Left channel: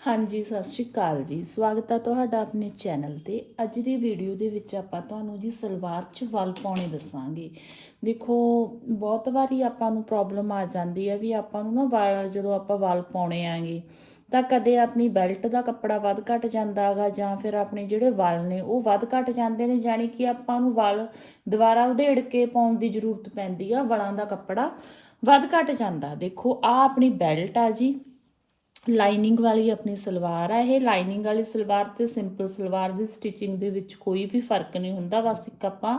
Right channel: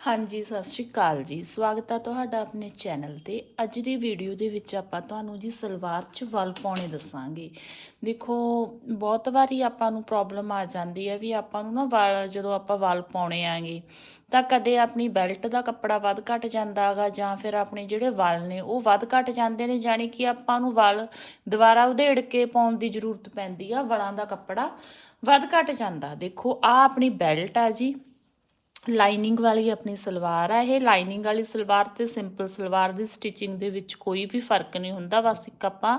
ਹਾਂਜੀ, ਸਤਿ ਸ਼੍ਰੀ ਅਕਾਲ ਜੀ। ਸਵਾਗਤ ਹੈ ਤੁਹਾਡਾ ਆਪਣੇ ਚੈਨਲ ਤੇ। ਅੱਜ ਦੀ ਵੀਡੀਓ ਦੇ ਵਿੱਚ ਆਪਾਂ ਤੁਹਾਨੂੰ ਜੀ ਸਲਵਾਰ 'ਚ ਵਲ ਪਾਉਣੇ ਦੱਸਾਂਗੇ। ਦੇਖੋ, ਬਹੁਤ ਵਾਰੀ ਆਪਾਂ ਨੂੰ ਪ੍ਰੋਬਲਮ ਆ ਜਾਂਦੀ ਹੈ ਵੀ ਆਪਾਂ ਨੂੰ ਨਾ ਵਲ, ਜਦੋਂ ਆਪਾਂ ਵਲ ਪਾਉਣੇ ਆਂਗੇ, ਤਾਂ ਕਦੇ ਆਪਣੀ ਬੈਲਟ ਦਾ ਕੱਪੜਾ ਵੱਧ ਘਟ ਜਾਂਦਾ ਹੈਗਾ ਜਾਂ ਫਿਰ ਆਪਣੇ ਜਿਹੜੇ ਵਲ ਨੇ, ਉਹ ਵੱਧ ਘਟ ਜਾਂਦੇ ਨੇ, ਜਾਣੀ ਕਿ ਆਪਾਂ ਨੂੰ ਵਲ ਦੁਬਾਰਾ ਉਧੇੜ ਕੇ ਪਾਉਣ ਦੀ ਜ਼ਰੂਰਤ ਪੈਂਦੀ ਆ, ਵਾਲਾਂ ਦਾ ਕੱਪੜਾ ਵੱਧ ਘਟ ਜਾਂਦਾ। ਦੇਖੋ ਆ ਆਪਣੀ ਬੈਲਟ ਆ ਜੀ। ਲਾਈਨਿੰਗ ਵਾਲੀ ਆਪਣੀ ਸਲਵਾਰ ਆ ਇਹ। ਲਾਈਨਿੰਗ ਵਾਲੀ ਸਲਵਾਰ ਤੇ ਸਿੰਪਲ ਸਲਵਾਰ ਦੀ ਸਟਿਚਿੰਗ ਦੇ ਵਿੱਚ ਕੋਈ ਵੀ ਫ਼ਰਕ ਨਹੀਂ ਹੁੰਦਾ। ਬਸ ਇੱਕ ਆਪਾਂ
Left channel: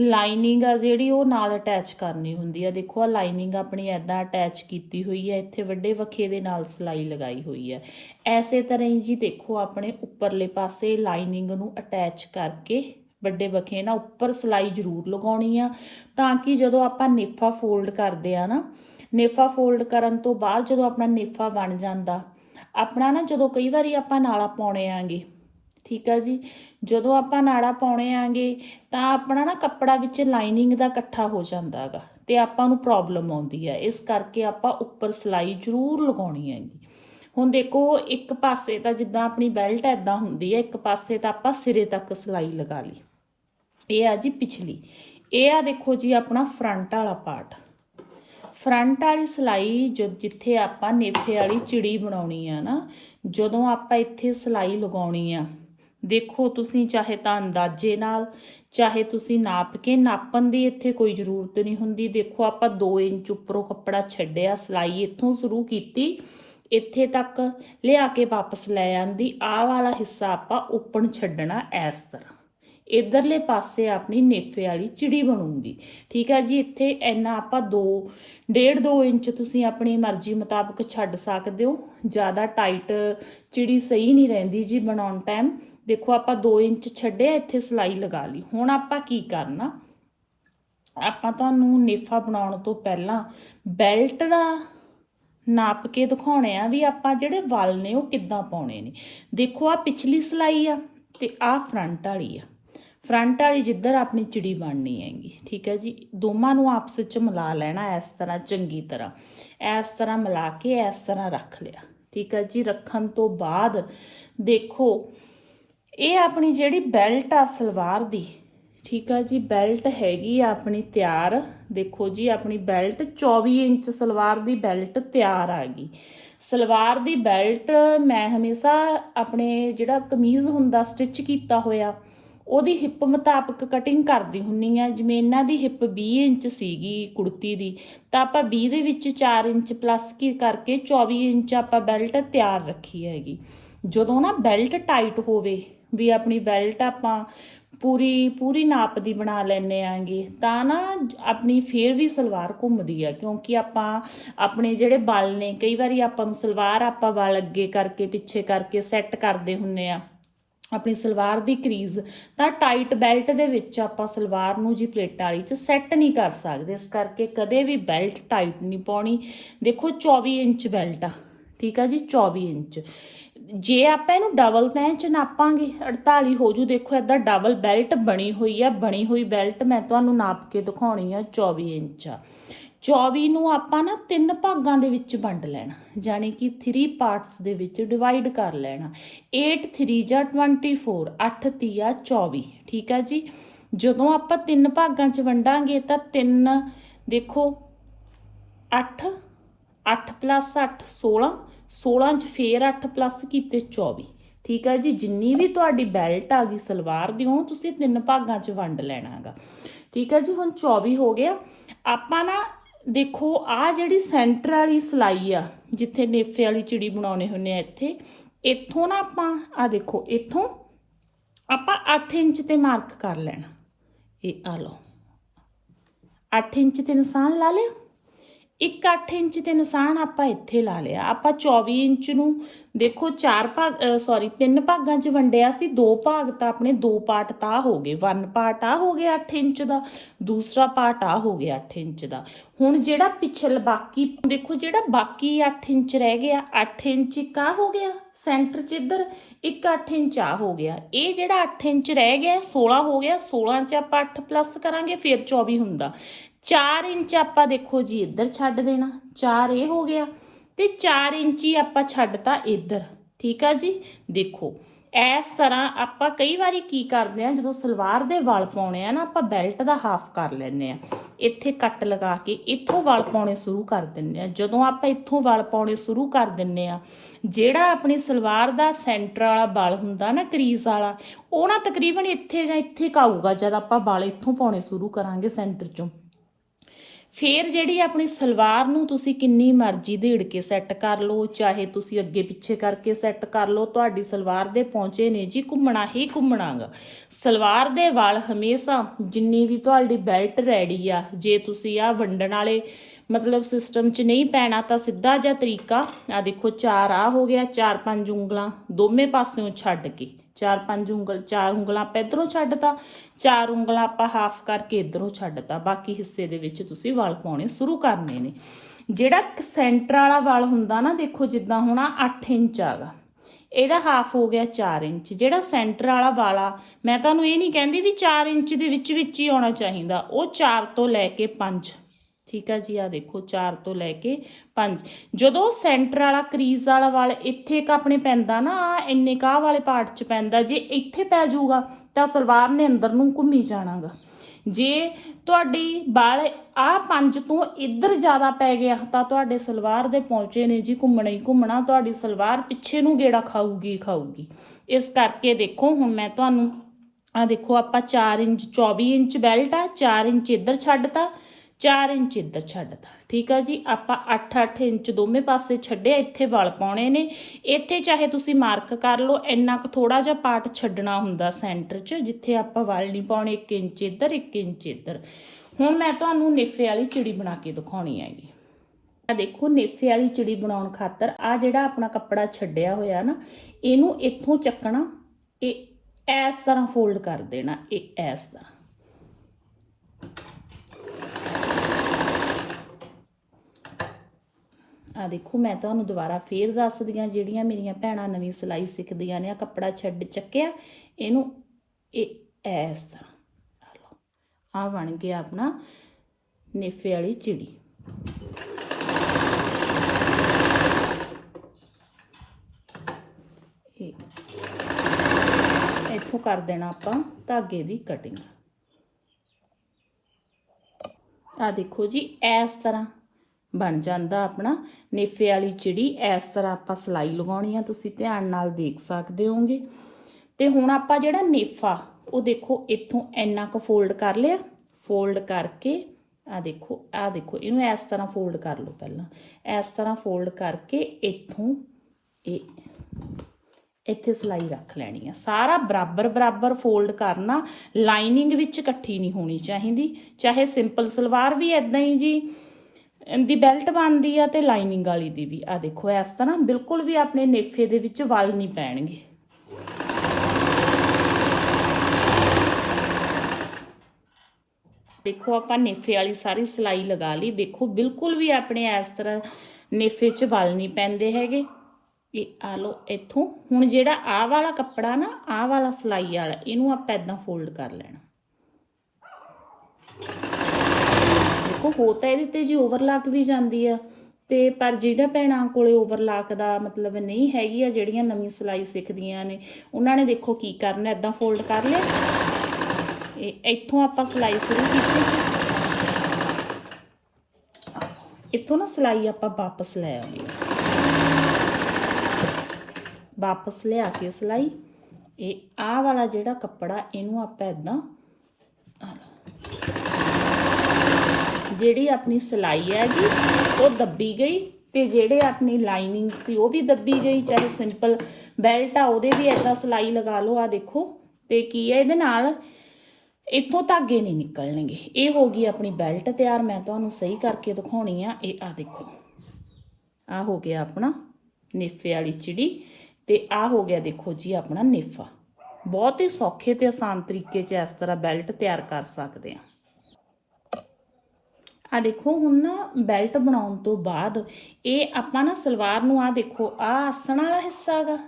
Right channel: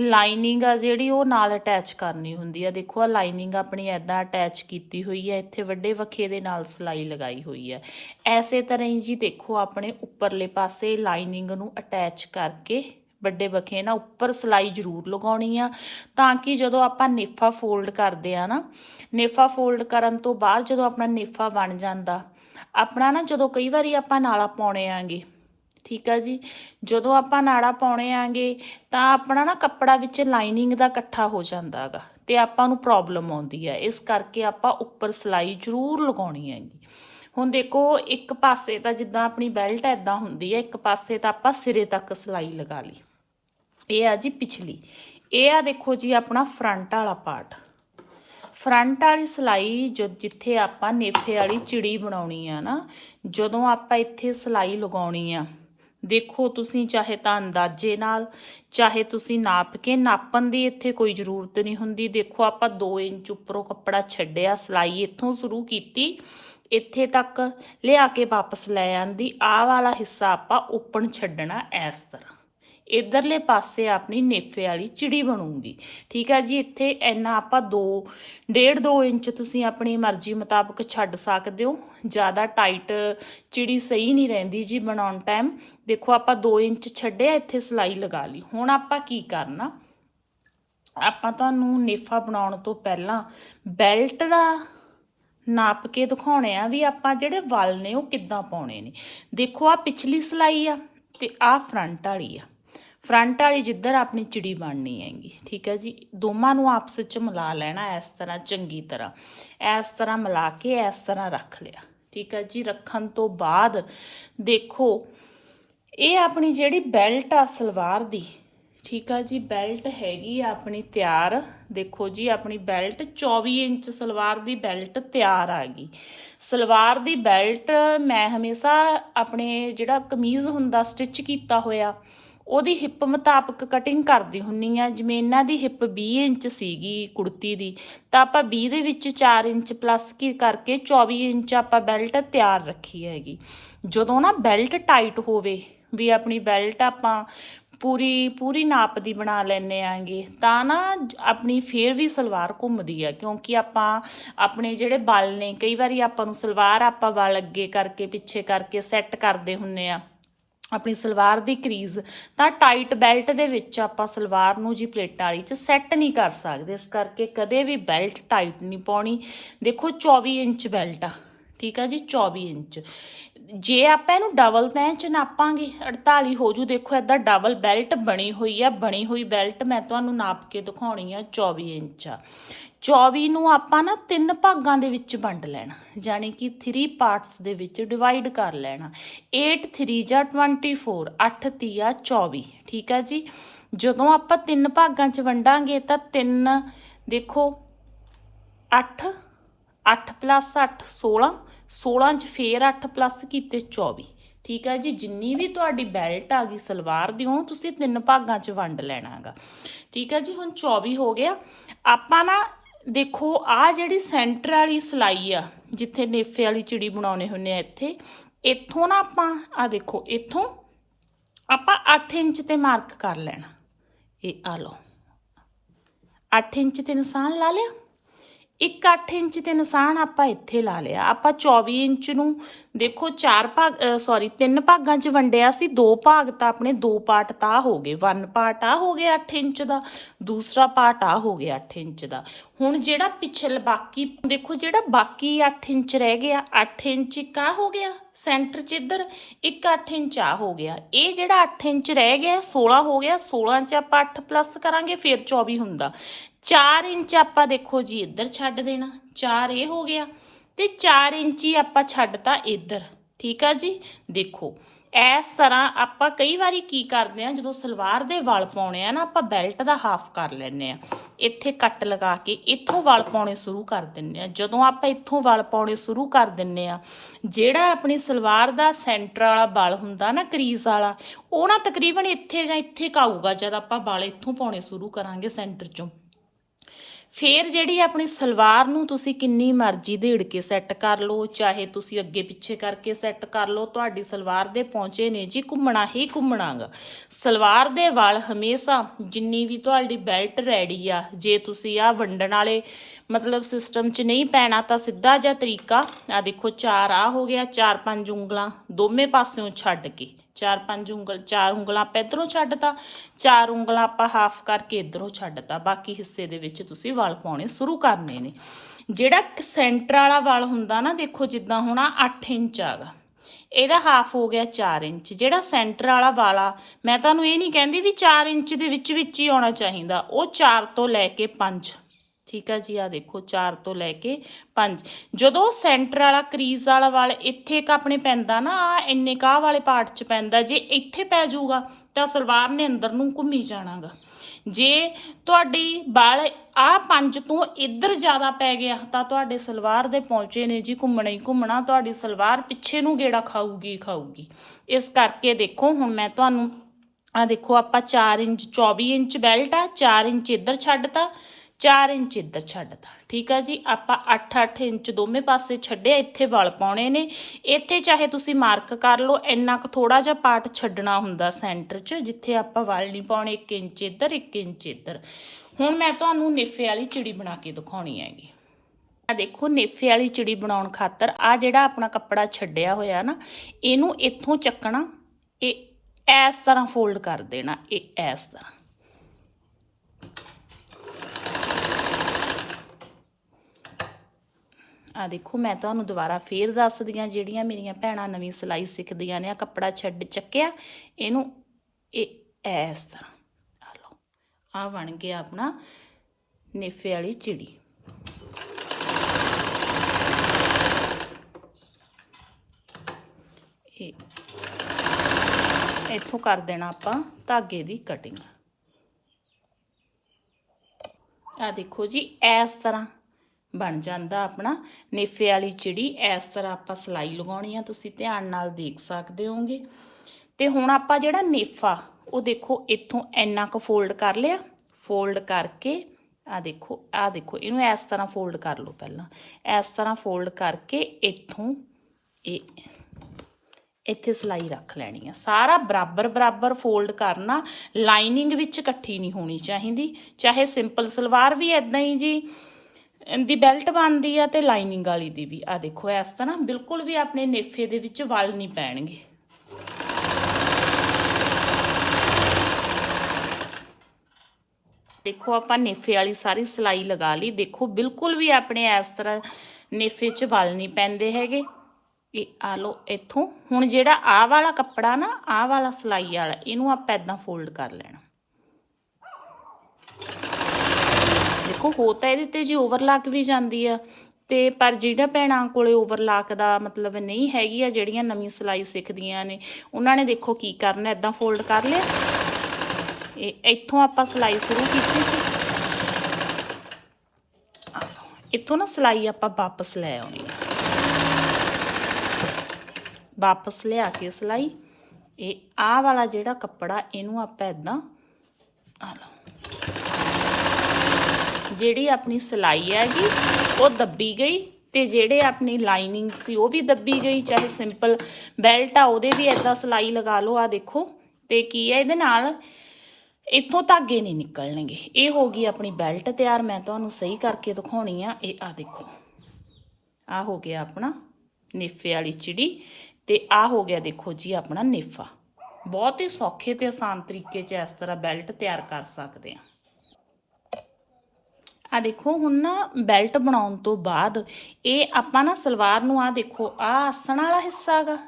ਲਾਈਨਿੰਗ ਆ ਜਿਹੜੀ ਉਹ ਨਾਲ ਅਟੈਚ ਕਰਨੀ ਹੁੰਦੀ ਆ। ਦੇਖੋ ਆ ਲਾਈਨਿੰਗ ਆਪਣੀ ਐਦਾਂ ਅਟੈਚ ਕੀਤੀ ਹੋਈ ਹੈ ਇੱਥੇ ਵੱਡੇ ਵਖੇ ਦੇ ਨਾਲ ਸਲਾਈ ਲਗਾਈ ਹੋਈ ਹੈ ਐਸੇ ਤਰ੍ਹਾਂ ਹੀ ਜੀ ਦੇਖੋ, ਆਪਣੇ ਉੱਪਰਲੇ ਪਾਸੇ ਲਾਈਨਿੰਗ ਨੂੰ ਅਟੈਚ ਕਰਕੇ ਵੱਡੇ ਬਖੇ ਨਾ ਉੱਪਰ ਸਲਾਈ ਜ਼ਰੂਰ ਲਗਾਉਣੀ ਆ, ਤਾਂ ਕਿ ਜਦੋਂ ਆਪਾਂ ਨੇਫਾ ਫੋਲਡ ਕਰਦੇ ਆ ਨਾ, ਨੇਫਾ ਫੋਲਡ ਕਰਨ ਤੋਂ ਬਾਅਦ ਜਦੋਂ ਆਪਣਾ ਨੇਫਾ ਬਣ ਜਾਂਦਾ, ਆਪਣਾ ਨਾ ਜਦੋਂ ਕਈ ਵਾਰੀ ਆਪਾਂ ਨਾਲਾ ਪਾਉਣੇ ਆਂਗੇ, ਠੀਕ ਆ ਜੀ, ਜਦੋਂ ਆਪਾਂ ਨਾੜਾ ਪਾਉਣੇ ਆਂਗੇ ਤਾਂ ਆਪਣਾ ਨਾ ਕੱਪੜਾ ਵਿੱਚ ਲਾਈਨਿੰਗ ਦਾ ਇਕੱਠਾ ਹੋ ਜਾਂਦਾ ਹੈਗਾ ਤੇ ਆਪਾਂ ਨੂੰ ਪ੍ਰੋਬਲਮ ਆਉਂਦੀ ਹੈ ਇਸ ਕਰਕੇ ਆਪਾਂ ਉੱਪਰ ਸਲਾਈ ਜ਼ਰੂਰ ਲਗਾਉਣੀ ਹੈਗੀ। ਹੁਣ ਦੇਖੋ, ਇੱਕ ਪਾਸੇ ਤਾਂ ਜਿੱਦਾਂ ਆਪਣੀ ਬੈਲਟ ਐਦਾਂ ਹੁੰਦੀ ਹੈ ਇੱਕ ਪਾਸੇ ਤਾਂ ਆਪਾਂ ਸਿਰੇ ਤੱਕ ਸਲਾਈ ਲਗਾ ਲਈ। ਇਹ ਆ ਜੀ ਪਿਛਲੀ। ਇਹ ਆ ਦੇਖੋ ਜੀ ਆਪਣਾ ਫਰੰਟ ਵਾਲਾ ਪਾਰਟ ਫਰੰਟ ਵਾਲੀ ਸਲਾਈ ਜੋ ਜਿੱਥੇ ਆਪਾਂ ਨੇਫੇ ਵਾਲੀ ਚਿੜੀ ਬਣਾਉਣੀ ਆ ਨਾ, ਜਦੋਂ ਆਪਾਂ ਇੱਥੇ ਸਲਾਈ ਲਗਾਉਣੀ ਆ, ਦੇਖੋ ਤੁਸੀਂ ਚਾਹੇ ਤਾਂ ਅੰਦਾਜ਼ੇ ਨਾਲ, ਚਾਹੇ ਤੁਸੀਂ ਨਾਪ ਕੇ, ਨਾਪਣ ਦੀ ਇੱਥੇ ਕੋਈ ਜ਼ਰੂਰਤ ਨਹੀਂ ਹੁੰਦੀ। ਦੇਖੋ ਆਪਾਂ 2 ਇੰਚ ਉੱਪਰੋਂ ਕੱਪੜਾ ਛੱਡਿਆ, ਸਲਾਈ ਇੱਥੋਂ ਸ਼ੁਰੂ ਕੀਤੀ, ਇੱਥੇ ਤੱਕ ਲਿਆ ਕੇ ਵਾਪਸ ਲੈ ਆਂਦੀ। ਆਹ ਵਾਲਾ ਹਿੱਸਾ ਆਪਾਂ ਓਪਨ ਛੱਡਣਾ ਇਸ ਤਰ੍ਹਾਂ। ਇਧਰਲੇ ਪਾਸੇ ਆਪਣੀ ਨੇਫੇ ਵਾਲੀ ਚਿੜੀ ਬਣੂਗੀ। ਠੀਕ ਹੈ ਜੀ, ਇੱਥੇ ਇੰਨਾ ਆਪਾਂ 2 ਡੇਢ 2 ਇੰਚ ਤੁਸੀਂ ਆਪਣੀ ਮਰਜ਼ੀ ਮੁਤਾਬਕ ਛੱਡ ਸਕਦੇ ਹੋ। ਜ਼ਿਆਦਾ ਟਾਈਟ ਚਿੜੀ ਸਹੀ ਨਹੀਂ ਰਹਿੰਦੀ ਜੀ ਬਣਾਉਣ ਟਾਈਮ ਦੇਖੋ ਆਪਾਂ 2 ਇੰਚ ਛੱਡਿਆ, ਇੱਥੇ ਸਲਾਈ ਲਗਾ ਲਈ। ਹੁਣ ਆਪਾਂ ਕੀ ਕਰਨਾ? ਆਪਾਂ ਤੁਹਾਨੂੰ ਨੇਫਾ ਬਣਾਉਣ ਤੋਂ ਪਹਿਲਾਂ ਬੈਲਟ ਦਾ ਨਾਪ ਕੇ ਦਿਖਾਉਣੇ ਆ ਵੀ ਆਪਾਂ ਜਿਹੜੇ ਵਲ ਨੇ ਉਹ ਕਿੱਦਾਂ ਪਾਉਣੇ ਨੇ। ਦੇਖੋ ਆ ਪਿਛਲੀ ਸਲਾਈ ਆ ਤੇ ਆ ਫਰੰਟ ਵਾਲੀ ਆ। ਫਰੰਟ ਵਾਲੀ ਜਿੱਧਰ ਆਪਣੀ ਚਿੜੀ ਬਣਨੀ ਹੈਗੀ, ਠੀਕ ਹੈ ਜੀ? ਦੋਵਾਂ ਨੂੰ ਆਪਸ ਵਿੱਚ ਮਿਲਾ ਲੈਣਾ ਇਸ ਤਰ੍ਹਾਂ ਚੰਗੀ ਤਰ੍ਹਾਂ। ਇਸ ਤਰ੍ਹਾਂ ਮਿਲਾ ਕੇ ਇਸ ਤਰ੍ਹਾਂ ਰੱਖ ਲਿਆ, ਠੀਕ ਹੈ ਜੀ? ਰੱਖਣ ਤੋਂ ਬਾਅਦ ਦੇਖੋ, ਇਹ ਆਪਣੀ ਜਿਹੜੀ ਬੈਲਟ ਆ ਸਲਵਾਰ ਦੀ, ਠੀਕ ਆ ਜੀ? ਬੈਲਟ ਹੈਗੀ ਆ ਆਪਣੀ ਤਿਆਰ। ਦੇਖੋ ਜੀ, ਆਪਣੀ ਬੈਲਟ 24 ਇੰਚ ਸਲਵਾਰ ਦੀ ਬੈਲਟ ਤਿਆਰ ਆ ਗਈ। ਸਲਵਾਰ ਦੀ ਬੈਲਟ ਮੈਂ ਹਮੇਸ਼ਾ ਆਪਣੇ ਜਿਹੜਾ ਕਮੀਜ਼ ਹੁੰਦਾ, ਸਟਿਚ ਕੀਤਾ ਹੋਇਆ ਉਹਦੀ ਹਿੱਪ ਮੁਤਾਬਕ ਕਟਿੰਗ ਕਰਦੀ ਹੁੰਨੀ ਆ। ਜਿਵੇਂ ਇਹਨਾਂ ਦੀ ਹਿੱਪ 20 ਇੰਚ ਸੀਗੀ ਕੁੜਤੀ ਦੀ, ਤਾਂ ਆਪਾਂ 20 ਦੇ ਵਿੱਚ 4 ਇੰਚ ਪਲੱਸ ਕੀ ਕਰਕੇ 24 ਇੰਚ ਆਪਾਂ ਬੈਲਟ ਤਿਆਰ ਰੱਖੀ ਹੈਗੀ। ਜਦੋਂ ਨਾ ਬੈਲਟ ਟਾਈਟ ਹੋਵੇ, ਵੀ ਆਪਣੀ ਬੈਲਟ ਆਪਾਂ ਪੂਰੀ ਪੂਰੀ ਨਾਪ ਦੀ ਬਣਾ ਲੈਨੇ ਆਂਗੇ, ਤਾਂ ਨਾ ਆਪਣੀ ਫੇਰ ਵੀ ਸਲਵਾਰ ਘੁੰਮਦੀ ਆ। ਕਿਉਂਕਿ ਆਪਾਂ ਆਪਣੇ ਜਿਹੜੇ ਬਲ ਨੇ, ਕਈ ਵਾਰੀ ਆਪਾਂ ਨੂੰ ਸਲਵਾਰ ਆਪਾਂ ਵਲ ਅੱਗੇ ਕਰਕੇ, ਪਿੱਛੇ ਕਰਕੇ ਸੈੱਟ ਕਰਦੇ ਹੁੰਨੇ ਆ। ਆਪਣੀ ਸਲਵਾਰ ਦੀ ਕਰੀਜ਼, ਤਾਂ ਟਾਈਟ ਬੈਲਟ ਦੇ ਵਿੱਚ ਆਪਾਂ ਸਲਵਾਰ ਨੂੰ ਜੀ ਪਲੇਟਾਂ ਵਾਲੀ ਚ ਸੈੱਟ ਨਹੀਂ ਕਰ ਸਕਦੇ। ਇਸ ਕਰਕੇ ਕਦੇ ਵੀ ਬੈਲਟ ਟਾਈਟ ਨਹੀਂ ਪਾਉਣੀ। ਦੇਖੋ 24 ਇੰਚ ਬੈਲਟ ਆ, ਠੀਕ ਆ ਜੀ 24 ਇੰਚ। ਜੇ ਆਪਾਂ ਇਹਨੂੰ ਡਬਲ ਤੈਂ ਚ ਨਾਪਾਂਗੇ 48 ਹੋ ਜੂ। ਦੇਖੋ ਇਦਾਂ ਡਬਲ ਬੈਲਟ ਬਣੀ ਹੋਈ ਆ, ਬਣੀ ਹੋਈ ਬੈਲਟ ਮੈਂ ਤੁਹਾਨੂੰ ਨਾਪ ਕੇ ਦਿਖਾਉਣੀ ਆ 24 ਇੰਚ ਆ। 24 ਨੂੰ ਆਪਾਂ ਨਾ ਤਿੰਨ ਭਾਗਾਂ ਦੇ ਵਿੱਚ ਵੰਡ ਲੈਣਾ ਯਾਨੀ ਕਿ 3 ਪਾਰਟਸ ਦੇ ਵਿੱਚ ਡਿਵਾਈਡ ਕਰ ਲੈਣਾ। 8 3 ਜਾਂ 24 8 ਤੀਆ 24 ਠੀਕ ਆ ਜੀ? ਜਦੋਂ ਆਪਾਂ ਤਿੰਨ ਭਾਗਾਂ 'ਚ ਵੰਡਾਂਗੇ ਤਾਂ ਤਿੰਨ, ਦੇਖੋ 8 8 ਪਲੱਸ 8 16 16 'ਚ ਫੇਰ 8 ਪਲੱਸ ਕੀਤੇ 24 ਠੀਕ ਹੈ ਜੀ? ਜਿੰਨੀ ਵੀ ਤੁਹਾਡੀ ਬੈਲਟ ਆ ਗਈ, ਸਲਵਾਰ ਦੀ, ਉਹਨੂੰ ਤੁਸੀਂ ਤਿੰਨ ਭਾਗਾਂ 'ਚ ਵੰਡ ਲੈਣਾਗਾ। ਠੀਕ ਹੈ ਜੀ? ਹੁਣ 24 ਹੋ ਗਿਆ। ਆਪਾਂ ਨਾ ਦੇਖੋ ਆ ਜਿਹੜੀ ਸੈਂਟਰ ਵਾਲੀ ਸਲਾਈ ਆ, ਜਿੱਥੇ ਨੇਫੇ ਵਾਲੀ ਚਿੜੀ ਬਣਾਉਣੇ ਹੁੰਨੇ ਆ ਇੱਥੇ, ਇੱਥੋਂ ਨਾ ਆਪਾਂ ਆ ਦੇਖੋ, ਇੱਥੋਂ ਆਪਾਂ 8 ਇੰਚ ਤੇ ਮਾਰਕ ਕਰ ਲੈਣਾ। ਇਹ ਆ ਲਓ। 8 ਇੰਚ ਤੇ ਨਿਸ਼ਾਨ ਲਾ ਲਿਆ। ਇੱਕ 8 ਇੰਚ ਤੇ ਨਿਸ਼ਾਨ ਆਪਾਂ ਇੱਥੇ ਲਾ ਲਿਆ। ਆਪਾਂ 24 ਇੰਚ ਨੂੰ ਦੇਖੋ ਚਾਰ ਭਾਗ ਸੌਰੀ ਤਿੰਨ ਭਾਗਾਂ 'ਚ ਵੰਡਿਆ ਸੀ। ਦੋ ਭਾਗ ਤਾਂ ਆਪਣੇ ਦੋ ਪਾਰਟ ਤਾਂ ਹੋ ਗਏ। ਵਨ ਪਾਰਟ ਆ ਹੋ ਗਿਆ 8 ਇੰਚ ਦਾ, ਦੂਸਰਾ ਪਾਰਟ ਆ ਹੋ ਗਿਆ 8 ਇੰਚ ਦਾ। ਹੁਣ ਜਿਹੜਾ ਪਿਛਲ ਬਾਕੀ, ਦੇਖੋ ਜਿਹੜਾ ਬਾਕੀ 8 ਇੰਚ ਰਹਿ ਗਿਆ 8 ਇੰਚ ਇੱਕ ਆ ਹੋ ਗਿਆ ਸੈਂਟਰ 'ਚ ਇੱਧਰ ਇੱਕ 8 ਇੰਚ ਆ ਹੋ ਗਿਆ। ਇਹ ਜਿਹੜਾ 8 ਇੰਚ ਰਹਿ ਗਿਆ 16 ਹੋ ਗਿਆ 16 'ਚ ਆਪਾਂ 8 ਪਲੱਸ ਕਰਾਂਗੇ, ਫਿਰ 24 ਹੁੰਦਾ। 4 ਇੰਚ ਆਪਾਂ ਦੇਖੋ ਜੀ ਇੱਧਰ ਛੱਡ ਦੇਣਾ 4 ਇਹ ਹੋ ਗਿਆ ਤੇ 4 ਇੰਚ ਹੀ ਆਪਾਂ ਛੱਡਤਾ ਇੱਧਰ, ਠੀਕ ਆ ਜੀ? ਦੇਖੋ, ਇਸ ਤਰ੍ਹਾਂ ਆਪਾਂ ਕਈ ਵਾਰੀ ਕੀ ਕਰਦੇ ਆ, ਜਦੋਂ ਸਲਵਾਰ ਦੇ ਵਲ ਪਾਉਣੇ ਆ ਨਾ, ਆਪਾਂ ਬੈਲਟ ਦਾ ਹਾਫ ਕਰ ਲੈਨੇ ਆ। ਇੱਥੇ ਕੱਟ ਲਗਾ ਕੇ ਇੱਥੋਂ ਵਲ ਪਾਉਣੇ ਸ਼ੁਰੂ ਕਰ ਦਿੰਨੇ ਆ। ਜਦੋਂ ਆਪਾਂ ਇੱਥੋਂ ਵਲ ਪਾਉਣੇ ਸ਼ੁਰੂ ਕਰ ਦਿੰਨੇ ਆ, ਜਿਹੜਾ ਆਪਣੀ ਸਲਵਾਰ ਦਾ ਸੈਂਟਰ ਵਾਲਾ ਵਲ ਹੁੰਦਾ ਨਾ, ਕਰੀਜ਼ ਵਾਲਾ, ਉਹ ਨਾ ਤਕਰੀਬਨ ਇੱਥੇ ਜਾਂ ਇੱਥੇ ਕਾਊਗਾ ਜਦ ਆਪਾਂ ਵਲ ਇੱਥੋਂ ਪਾਉਣੇ ਸ਼ੁਰੂ ਕਰਾਂਗੇ ਸੈਂਟਰ ਚੋਂ। ਫੇਰ ਜਿਹੜੀ ਆਪਣੀ ਸਲਵਾਰ ਨੂੰ ਤੁਸੀਂ ਕਿੰਨੀ ਮਰਜ਼ੀ ਢੇੜ ਕੇ ਸੈੱਟ ਕਰ ਲਓ, ਚਾਹੇ ਤੁਸੀਂ ਅੱਗੇ ਪਿੱਛੇ ਕਰਕੇ ਸੈੱਟ ਕਰ ਲਓ, ਤੁਹਾਡੀ ਸਲਵਾਰ ਦੇ ਪਹੁੰਚੇ ਨੇ ਜੀ ਘੁੰਮਣਾ ਹੀ ਘੁੰਮਣਾਗਾ। ਸਲਵਾਰ ਦੇ ਵਾਲ ਹਮੇਸ਼ਾ ਜਿੰਨੀ ਵੀ ਤੁਹਾਡੀ ਬੈਲਟ ਰੈਡੀ ਆ, ਜੇ ਤੁਸੀਂ ਆ ਵੰਡਣ ਵਾਲੇ ਮਤਲਬ ਸਿਸਟਮ 'ਚ ਨਹੀਂ ਪੈਣਾ ਤਾਂ ਸਿੱਧਾ ਜਿਹਾ ਤਰੀਕਾ ਆ ਦੇਖੋ ਚਾਰ ਆ ਹੋ ਗਿਆ, ਚਾਰ ਪੰਜ ਉਂਗਲਾਂ ਦੋਵੇਂ ਪਾਸਿਓਂ ਛੱਡ ਕੇ। ਚਾਰ ਪੰਜ ਉਂਗਲ, ਚਾਰ ਉਂਗਲਾਂ ਆਪਾਂ ਇੱਧਰੋਂ ਛੱਡਤਾ, ਚਾਰ ਉਂਗਲਾਂ ਆਪਾਂ ਹਾਫ ਕਰਕੇ ਇੱਧਰੋਂ ਛੱਡਤਾ। ਬਾਕੀ ਹਿੱਸੇ ਦੇ ਵਿੱਚ ਤੁਸੀਂ ਵਾਲ ਪਾਉਣੇ ਸ਼ੁਰੂ ਕਰਨੇ ਨੇ। ਜਿਹੜਾ ਸੈਂਟਰ ਵਾਲਾ ਵਾਲ ਹੁੰਦਾ ਨਾ, ਦੇਖੋ ਜਿੱਦਾਂ ਹੋਣਾ ਆਹ 8 ਇੰਚ ਆਗਾ। ਇਹਦਾ ਹਾਫ ਹੋ ਗਿਆ 4 ਇੰਚ। ਜਿਹੜਾ ਸੈਂਟਰ ਵਾਲਾ ਵਾਲਾ ਮੈਂ ਤੁਹਾਨੂੰ ਇਹ ਨਹੀਂ ਕਹਿੰਦੀ ਵੀ 4 ਇੰਚ ਦੇ ਵਿੱਚ ਵਿੱਚ ਹੀ ਆਉਣਾ ਚਾਹੀਦਾ। ਉਹ 4 ਤੋਂ ਲੈ ਕੇ 5 ਠੀਕ ਆ ਜੀ ਆ ਦੇਖੋ 4 ਤੋਂ ਲੈ ਕੇ 5 ਜਦੋਂ ਸੈਂਟਰ ਵਾਲਾ, ਕਰੀਜ਼ ਵਾਲਾ ਵਾਲ ਇੱਥੇ ਕ ਆਪਣੇ ਪੈਂਦਾ ਨਾ ਆ ਇੰਨੇ ਕਾਹ ਵਾਲੇ ਪਾਰਟ 'ਚ ਪੈਂਦਾ, ਜੇ ਇੱਥੇ ਪੈ ਜਾਊਗਾ, ਤਾਂ ਸਲਵਾਰ ਨੇ ਅੰਦਰ ਨੂੰ ਘੁੰਮੀ ਜਾਣਾਗਾ। ਜੇ ਤੁਹਾਡੀ ਵਾਲ ਆ ਪੰਜ ਤੋਂ ਇੱਧਰ ਜ਼ਿਆਦਾ ਪੈ ਗਿਆ, ਤਾਂ ਤੁਹਾਡੇ ਸਲਵਾਰ ਦੇ ਪਹੁੰਚੇ ਨੇ ਜੀ ਘੁੰਮਣਾ ਹੀ ਘੁੰਮਣਾ, ਤੁਹਾਡੀ ਸਲਵਾਰ ਪਿੱਛੇ ਨੂੰ ਗੇੜਾ ਖਾਊਗੀ ਖਾਊਗੀ। ਇਸ ਕਰਕੇ ਦੇਖੋ, ਹੁਣ ਮੈਂ ਤੁਹਾਨੂੰ ਆ ਦੇਖੋ ਆਪਾਂ 4 ਇੰਚ 24 ਇੰਚ ਬੈਲਟ ਆ 4 ਇੰਚ ਇੱਧਰ ਛੱਡਤਾ 4 ਇੰਚ ਇੱਧਰ ਛੱਡਤਾ। ਠੀਕ ਆ ਜੀ? ਆਪਾਂ 8-8 ਇੰਚ ਦੋਵੇਂ ਪਾਸੇ ਛੱਡਿਆ, ਇੱਥੇ ਵਲ ਪਾਉਣੇ ਨੇ। ਇੱਥੇ ਚਾਹੇ ਤੁਸੀਂ ਮਾਰਕ ਕਰ ਲਓ, ਇੰਨਾ ਕੁ ਥੋੜਾ ਜਿਹਾ ਪਾਰਟ ਛੱਡਣਾ ਹੁੰਦਾ ਸੈਂਟਰ 'ਚ, ਜਿੱਥੇ ਆਪਾਂ ਵਲ ਨਹੀਂ ਪਾਉਣੇ 1 ਇੰਚ ਇੱਧਰ 1 ਇੰਚ ਇੱਧਰ। ਹੁਣ ਮੈਂ ਤੁਹਾਨੂੰ ਨੇਫੇ ਵਾਲੀ ਚਿੜੀ ਬਣਾ ਕੇ ਦਿਖਾਉਣੀ ਹੈਗੀ। ਆ ਦੇਖੋ, ਨੇਫੇ ਵਾਲੀ ਚਿੜੀ ਬਣਾਉਣ ਖਾਤਰ ਆ ਜਿਹੜਾ ਆਪਣਾ ਕੱਪੜਾ ਛੱਡਿਆ ਹੋਇਆ ਨਾ, ਇਹਨੂੰ ਇੱਥੋਂ ਚੱਕਣਾ, ਇਹ ਇਸ ਤਰ੍ਹਾਂ ਫੋਲਡ ਕਰ ਦੇਣਾ, ਇਹ ਇਸ ਤਰ੍ਹਾਂ। ਆ ਦੇਖੋ, ਮੈਂ ਤੁਹਾਨੂੰ ਦੁਬਾਰਾ ਫੇਰ ਦੱਸਦੀ ਆ ਜਿਹੜੀਆਂ ਮੇਰੀਆਂ ਭੈਣਾਂ ਨਵੀਂ ਸਿਲਾਈ ਸਿੱਖਦੀਆਂ ਨੇ ਆ ਕੱਪੜਾ ਛੱਡ ਚੱਕਿਆ, ਇਹਨੂੰ ਇਹ ਇਸ ਤਰ੍ਹਾਂ ਆ ਲਓ ਆ ਬਣ ਗਿਆ ਆਪਣਾ ਨੇਫੇ ਵਾਲੀ ਚਿੜੀ। ਇਹ, ਇੱਥੋਂ ਕਰ ਦੇਣਾ ਆਪਾਂ ਧਾਗੇ ਦੀ ਕਟਿੰਗ ਆ ਦੇਖੋ ਜੀ, ਇਸ ਤਰ੍ਹਾਂ ਬਣ ਜਾਂਦਾ ਆਪਣਾ। ਨੇਫੇ ਵਾਲੀ ਚਿੜੀ ਇਸ ਤਰ੍ਹਾਂ ਆਪਾਂ ਸਲਾਈ ਲਗਾਉਣੀ ਆ, ਤੁਸੀਂ ਧਿਆਨ ਨਾਲ ਦੇਖ ਸਕਦੇ ਹੋਗੇ ਤੇ ਹੁਣ ਆਪਾਂ ਜਿਹੜਾ ਨੇਫਾ, ਉਹ ਦੇਖੋ ਇੱਥੋਂ ਇੰਨਾ ਕੁ ਫੋਲਡ ਕਰ ਲਿਆ। ਫੋਲਡ ਕਰਕੇ ਆ ਦੇਖੋ ਆ ਦੇਖੋ, ਇਹਨੂੰ ਇਸ ਤਰ੍ਹਾਂ ਫੋਲਡ ਕਰ ਲਓ ਪਹਿਲਾਂ। ਇਸ ਤਰ੍ਹਾਂ ਫੋਲਡ ਕਰਕੇ ਇੱਥੋਂ ਇਹ, ਇੱਥੇ ਸਲਾਈ ਰੱਖ ਲੈਣੀ ਆ। ਸਾਰਾ ਬਰਾਬਰ ਬਰਾਬਰ ਫੋਲਡ ਕਰਨਾ ਲਾਈਨਿੰਗ ਵਿੱਚ ਇਕੱਠੀ ਨਹੀਂ ਹੋਣੀ ਚਾਹੀਦੀ। ਚਾਹੇ ਸਿੰਪਲ ਸਲਵਾਰ ਵੀ ਐਦਾਂ ਹੀ ਜੀ ਦੀ ਬੈਲਟ ਬਣਦੀ ਆ ਤੇ ਲਾਈਨਿੰਗ ਵਾਲੀ ਦੀ ਵੀ। ਆ ਦੇਖੋ, ਇਸ ਤਰ੍ਹਾਂ ਬਿਲਕੁਲ ਵੀ ਆਪਣੇ ਨੇਫੇ ਦੇ ਵਿੱਚ ਵਲ ਨਹੀਂ ਪੈਣਗੇ। ਦੇਖੋ, ਆਪਾਂ ਨੇਫੇ ਵਾਲੀ ਸਾਰੀ ਸਿਲਾਈ ਲਗਾ ਲਈ। ਦੇਖੋ, ਬਿਲਕੁਲ ਵੀ ਆਪਣੇ ਇਸ ਤਰ੍ਹਾਂ ਨੇਫੇ 'ਚ ਵਲ ਨਹੀਂ ਪੈਂਦੇ ਹੈਗੇ। ਇਹ ਆ ਲੋ ਇੱਥੋਂ ਹੁਣ ਜਿਹੜਾ ਆਹ ਵਾਲਾ ਕੱਪੜਾ ਨਾ, ਆਹ ਵਾਲਾ ਸਿਲਾਈ ਵਾਲਾ, ਇਹਨੂੰ ਆਪਾਂ ਇਦਾਂ ਫੋਲਡ ਕਰ ਲੈਣਾ। ਦੇਖੋ ਹੋ ਤਾਂ ਇਹਦੇ ਤੇ ਜੀ ਓਵਰਲਾਕ ਵੀ ਜਾਂਦੀ ਆ, ਤੇ ਪਰ ਜਿਹੜਾ ਭੈਣਾਂ ਕੋਲੇ ਓਵਰਲਾਕ ਦਾ ਮਤਲਬ ਨਹੀਂ ਹੈਗੀ ਆ, ਜਿਹੜੀਆਂ ਨਵੀਂ ਸਿਲਾਈ ਸਿੱਖਦੀਆਂ ਨੇ, ਉਹਨਾਂ ਨੇ ਦੇਖੋ ਕੀ ਕਰਨਾ ਇਦਾਂ ਫੋਲਡ ਕਰ ਲਿਆ। ਇਹ ਇੱਥੋਂ ਆਪਾਂ ਸਿਲਾਈ ਸ਼ੁਰੂ ਕੀਤੀ ਇੱਥੋਂ ਨਾ ਸਿਲਾਈ ਆਪਾਂ ਵਾਪਸ ਲੈ ਆਉਣੀ ਆ ਵਾਪਸ ਲਿਆ ਕੇ ਸਿਲਾਈ। ਇਹ ਆਹ ਵਾਲਾ ਜਿਹੜਾ ਕੱਪੜਾ, ਇਹਨੂੰ ਆਪਾਂ ਇਦਾਂ ਆ ਲਓ। ਜਿਹੜੀ ਆਪਣੀ ਸਿਲਾਈ ਹੈਗੀ, ਉਹ ਦੱਬੀ ਗਈ ਤੇ ਜਿਹੜੇ ਆਪਣੀ ਲਾਈਨਿੰਗ ਸੀ, ਉਹ ਵੀ ਦੱਬੀ ਗਈ, ਚਾਹੇ ਸਿੰਪਲ ਬੈਲਟ ਆ, ਉਹਦੇ ਵੀ ਇਦਾਂ ਸਿਲਾਈ ਲਗਾ ਲਓ ਆ ਦੇਖੋ। ਤੇ ਕੀ ਹੈ, ਇਹਦੇ ਨਾਲ ਇੱਥੋਂ ਧਾਗੇ ਨਹੀਂ ਨਿਕਲਣਗੇ। ਇਹ ਹੋ ਗਈ ਆਪਣੀ ਬੈਲਟ ਤਿਆਰ, ਮੈਂ ਤੁਹਾਨੂੰ ਸਹੀ ਕਰਕੇ ਦਿਖਾਉਣੀ ਆ, ਇਹ ਆ ਦੇਖੋ। ਆ ਹੋ ਗਿਆ ਆਪਣਾ ਨੇਫੇ ਵਾਲੀ ਚਿੜੀ ਤੇ ਆ ਹੋ ਗਿਆ ਦੇਖੋ ਜੀ ਆਪਣਾ ਨੇਫਾ। ਬਹੁਤ ਹੀ ਸੌਖੇ ਤੇ ਆਸਾਨ ਤਰੀਕੇ 'ਚ ਇਸ ਤਰ੍ਹਾਂ ਬੈਲਟ ਤਿਆਰ ਕਰ ਸਕਦੇ ਆ। ਆ ਦੇਖੋ, ਹੁਣ ਨਾ ਬੈਲਟ ਬਣਾਉਣ ਤੋਂ ਬਾਅਦ ਇਹ ਆਪਾਂ ਨਾ ਸਲਵਾਰ ਨੂੰ ਆ ਦੇਖੋ ਆ ਆਸਣ ਵਾਲਾ ਹਿੱਸਾ ਹੈਗਾ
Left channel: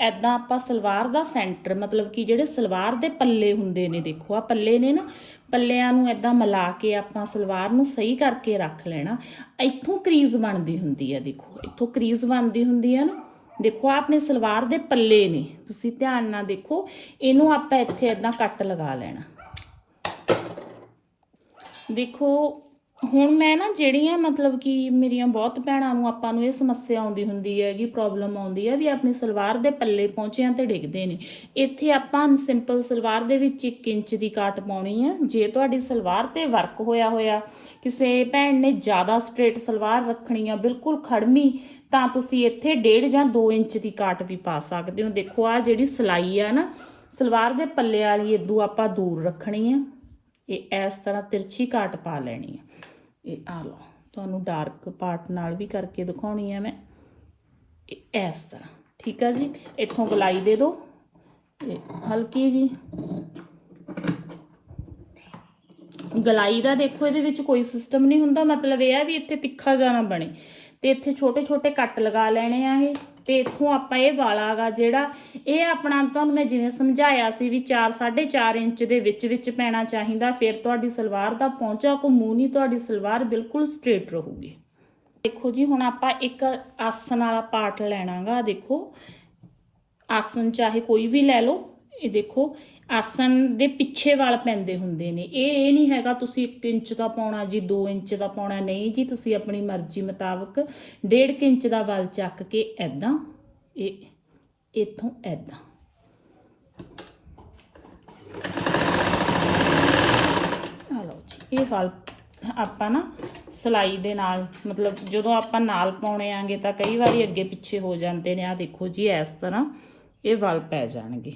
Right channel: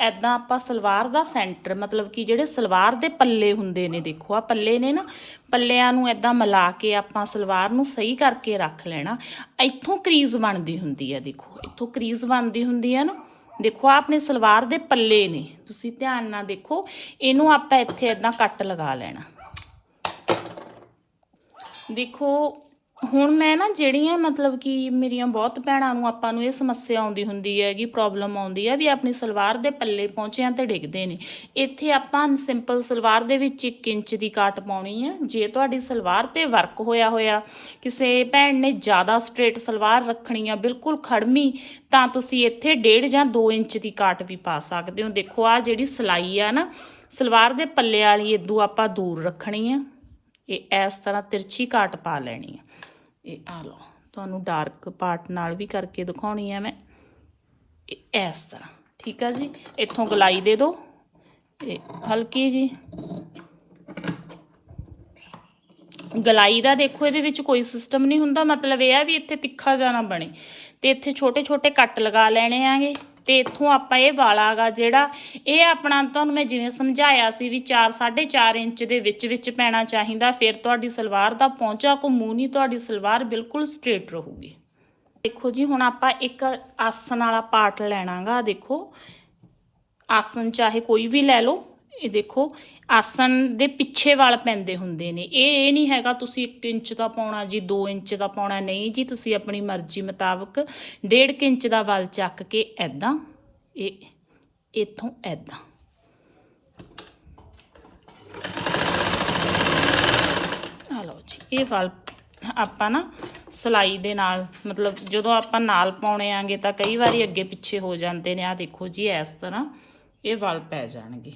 ਐਦਾਂ ਆਪਾਂ ਸਲਵਾਰ ਦਾ ਸੈਂਟਰ, ਮਤਲਬ ਕਿ ਜਿਹੜੇ ਸਲਵਾਰ ਦੇ ਪੱਲੇ ਹੁੰਦੇ ਨੇ, ਦੇਖੋ ਆ ਪੱਲੇ ਨੇ ਨਾ, ਪੱਲਿਆਂ ਨੂੰ ਐਦਾਂ ਮਿਲਾ ਕੇ ਆਪਾਂ ਸਲਵਾਰ ਨੂੰ ਸਹੀ ਕਰਕੇ ਰੱਖ ਲੈਣਾ। ਇੱਥੋਂ ਕਰੀਜ਼ ਬਣਦੀ ਹੁੰਦੀ ਆ, ਦੇਖੋ, ਇੱਥੋਂ ਕਰੀਜ਼ ਬਣਦੀ ਹੁੰਦੀ ਆ ਨਾ। ਦੇਖੋ, ਆਹ ਆਪਣੇ ਸਲਵਾਰ ਦੇ ਪੱਲੇ ਨੇ। ਤੁਸੀਂ ਧਿਆਨ ਨਾਲ ਦੇਖੋ, ਇਹਨੂੰ ਆਪਾਂ ਇੱਥੇ ਇਦਾਂ ਕੱਟ ਲਗਾ ਲੈਣਾ। ਦੇਖੋ ਹੁਣ ਮੈਂ ਨਾ ਜਿਹੜੀਆਂ ਮਤਲਬ ਕਿ ਮੇਰੀਆਂ ਬਹੁਤ ਭੈਣਾਂ ਨੂੰ ਆਪਾਂ ਨੂੰ ਇਹ ਸਮੱਸਿਆ ਆਉਂਦੀ ਹੁੰਦੀ ਹੈਗੀ ਪ੍ਰੋਬਲਮ ਆਉਂਦੀ ਹੈ, ਵੀ ਆਪਣੀ ਸਲਵਾਰ ਦੇ ਪੱਲੇ ਪਹੁੰਚਿਆਂ ਤੇ ਡਿੱਗਦੇ ਨੇ। ਇੱਥੇ ਆਪਾਂ ਸਿੰਪਲ ਸਲਵਾਰ ਦੇ ਵਿੱਚ 1 ਇੰਚ ਦੀ ਕਾਟ ਪਾਉਣੀ ਹੈ। ਜੇ ਤੁਹਾਡੀ ਸਲਵਾਰ ਤੇ ਵਰਕ ਹੋਇਆ ਹੋਇਆ, ਕਿਸੇ ਭੈਣ ਨੇ ਜ਼ਿਆਦਾ ਸਟ੍ਰੇਟ ਸਲਵਾਰ ਰੱਖਣੀ ਆ, ਬਿਲਕੁਲ ਖੜਮੀ ਤਾਂ ਤੁਸੀਂ ਇੱਥੇ 1.5 ਜਾਂ 2 ਇੰਚ ਦੀ ਕਾਟ ਵੀ ਪਾ ਸਕਦੇ ਹੋ। ਦੇਖੋ ਆ ਜਿਹੜੀ ਸਲਾਈ ਆ ਨਾ, ਸਲਵਾਰ ਦੇ ਪੱਲੇ ਵਾਲੀ ਇਦੋਂ ਆਪਾਂ ਦੂਰ ਰੱਖਣੀ ਆ। ਇਹ ਇਸ ਤਰ੍ਹਾਂ ਤਿਰਛੀ ਕਾਟ ਪਾ ਲੈਣੀ ਆ। ਇਹ ਆ ਲਓ, ਤੁਹਾਨੂੰ ਡਾਰਕ ਪਾਰਟ ਨਾਲ ਵੀ ਕਰਕੇ ਦਿਖਾਉਣੀ ਹੈ ਮੈਂ। ਇਹ ਇਸ ਤਰ੍ਹਾਂ, ਠੀਕ ਆ ਜੀ? ਇੱਥੋਂ ਗਲਾਈ ਦੇ ਦਿਓ। ਇਹ ਹਲਕੀ ਜੀ। ਗਲਾਈ ਦਾ ਦੇਖੋ, ਇਹਦੇ ਵਿੱਚ ਕੋਈ ਸਿਸਟਮ ਨਹੀਂ ਹੁੰਦਾ। ਮਤਲਬ ਇਹ ਆ ਵੀ ਇੱਥੇ ਤਿੱਖਾ ਜਾਣਾ ਬਣੇ। ਤੇ ਇੱਥੇ ਛੋਟੇ ਛੋਟੇ ਕੱਟ ਲਗਾ ਲੈਣੇ ਆਂਗੇ। ਤੇ ਇੱਥੋਂ ਆਪਾਂ ਇਹ ਵਾਲਾ ਗਾ ਜਿਹੜਾ ਇਹ ਆਪਣਾ ਤੁਹਾਨੂੰ ਮੈਂ ਜਿਵੇਂ ਸਮਝਾਇਆ ਸੀ ਵੀ 4 4.5 ਇੰਚ ਦੇ ਵਿੱਚ ਵਿੱਚ ਪੈਣਾ ਚਾਹੀਦਾ, ਫਿਰ ਤੁਹਾਡੀ ਸਲਵਾਰ ਦਾ ਪਹੁੰਚਾ ਘੁੰਮੂ ਨਹੀਂ ਤੁਹਾਡੀ ਸਲਵਾਰ ਬਿਲਕੁਲ ਸਟ੍ਰੇਟ ਰਹੂਗੀ। ਦੇਖੋ ਜੀ, ਹੁਣ ਆਪਾਂ ਇੱਕ ਆਸਨ ਵਾਲਾ ਪਾਰਟ ਲੈਣਾਗਾ ਦੇਖੋ। ਆਸਨ ਚਾਹੇ ਕੋਈ ਵੀ ਲੈ ਲਓ, ਇਹ ਦੇਖੋ ਆਸਣ ਦੇ ਪਿੱਛੇ ਵਾਲ ਪੈਂਦੇ ਹੁੰਦੇ ਨੇ। ਇਹ ਇਹ ਨਹੀਂ ਹੈਗਾ ਤੁਸੀਂ 1 ਇੰਚ ਦਾ ਪਾਉਣਾ ਜੀ 2 ਇੰਚ ਦਾ ਪਾਉਣਾ। ਨਹੀਂ ਜੀ, ਤੁਸੀਂ ਆਪਣੀ ਮਰਜ਼ੀ ਮੁਤਾਬਕ 1.5 ਇੰਚ ਦਾ ਵਾਲ ਚੱਕ ਕੇ ਐਦਾਂ ਇਹ, ਇੱਥੋਂ ਐਦਾਂ ਆ ਲਓ ਜੀ, ਇਹ ਵਾਲ ਆਪਾਂ ਨਾ ਸਲਾਈ ਦੇ ਨਾਲ, ਮਤਲਬ ਜਦੋਂ ਆਪਾਂ ਨਾਲ ਪਾਉਣੇ ਆਂਗੇ ਤਾਂ ਕਈ ਵਾਰੀ ਅੱਗੇ ਪਿੱਛੇ ਹੋ ਜਾਂਦੇ ਨੇ। ਆ ਦੇਖੋ ਜੀ, ਇਸ ਤਰ੍ਹਾਂ ਇਹ ਵਾਲ ਪੈ ਜਾਣਗੇ।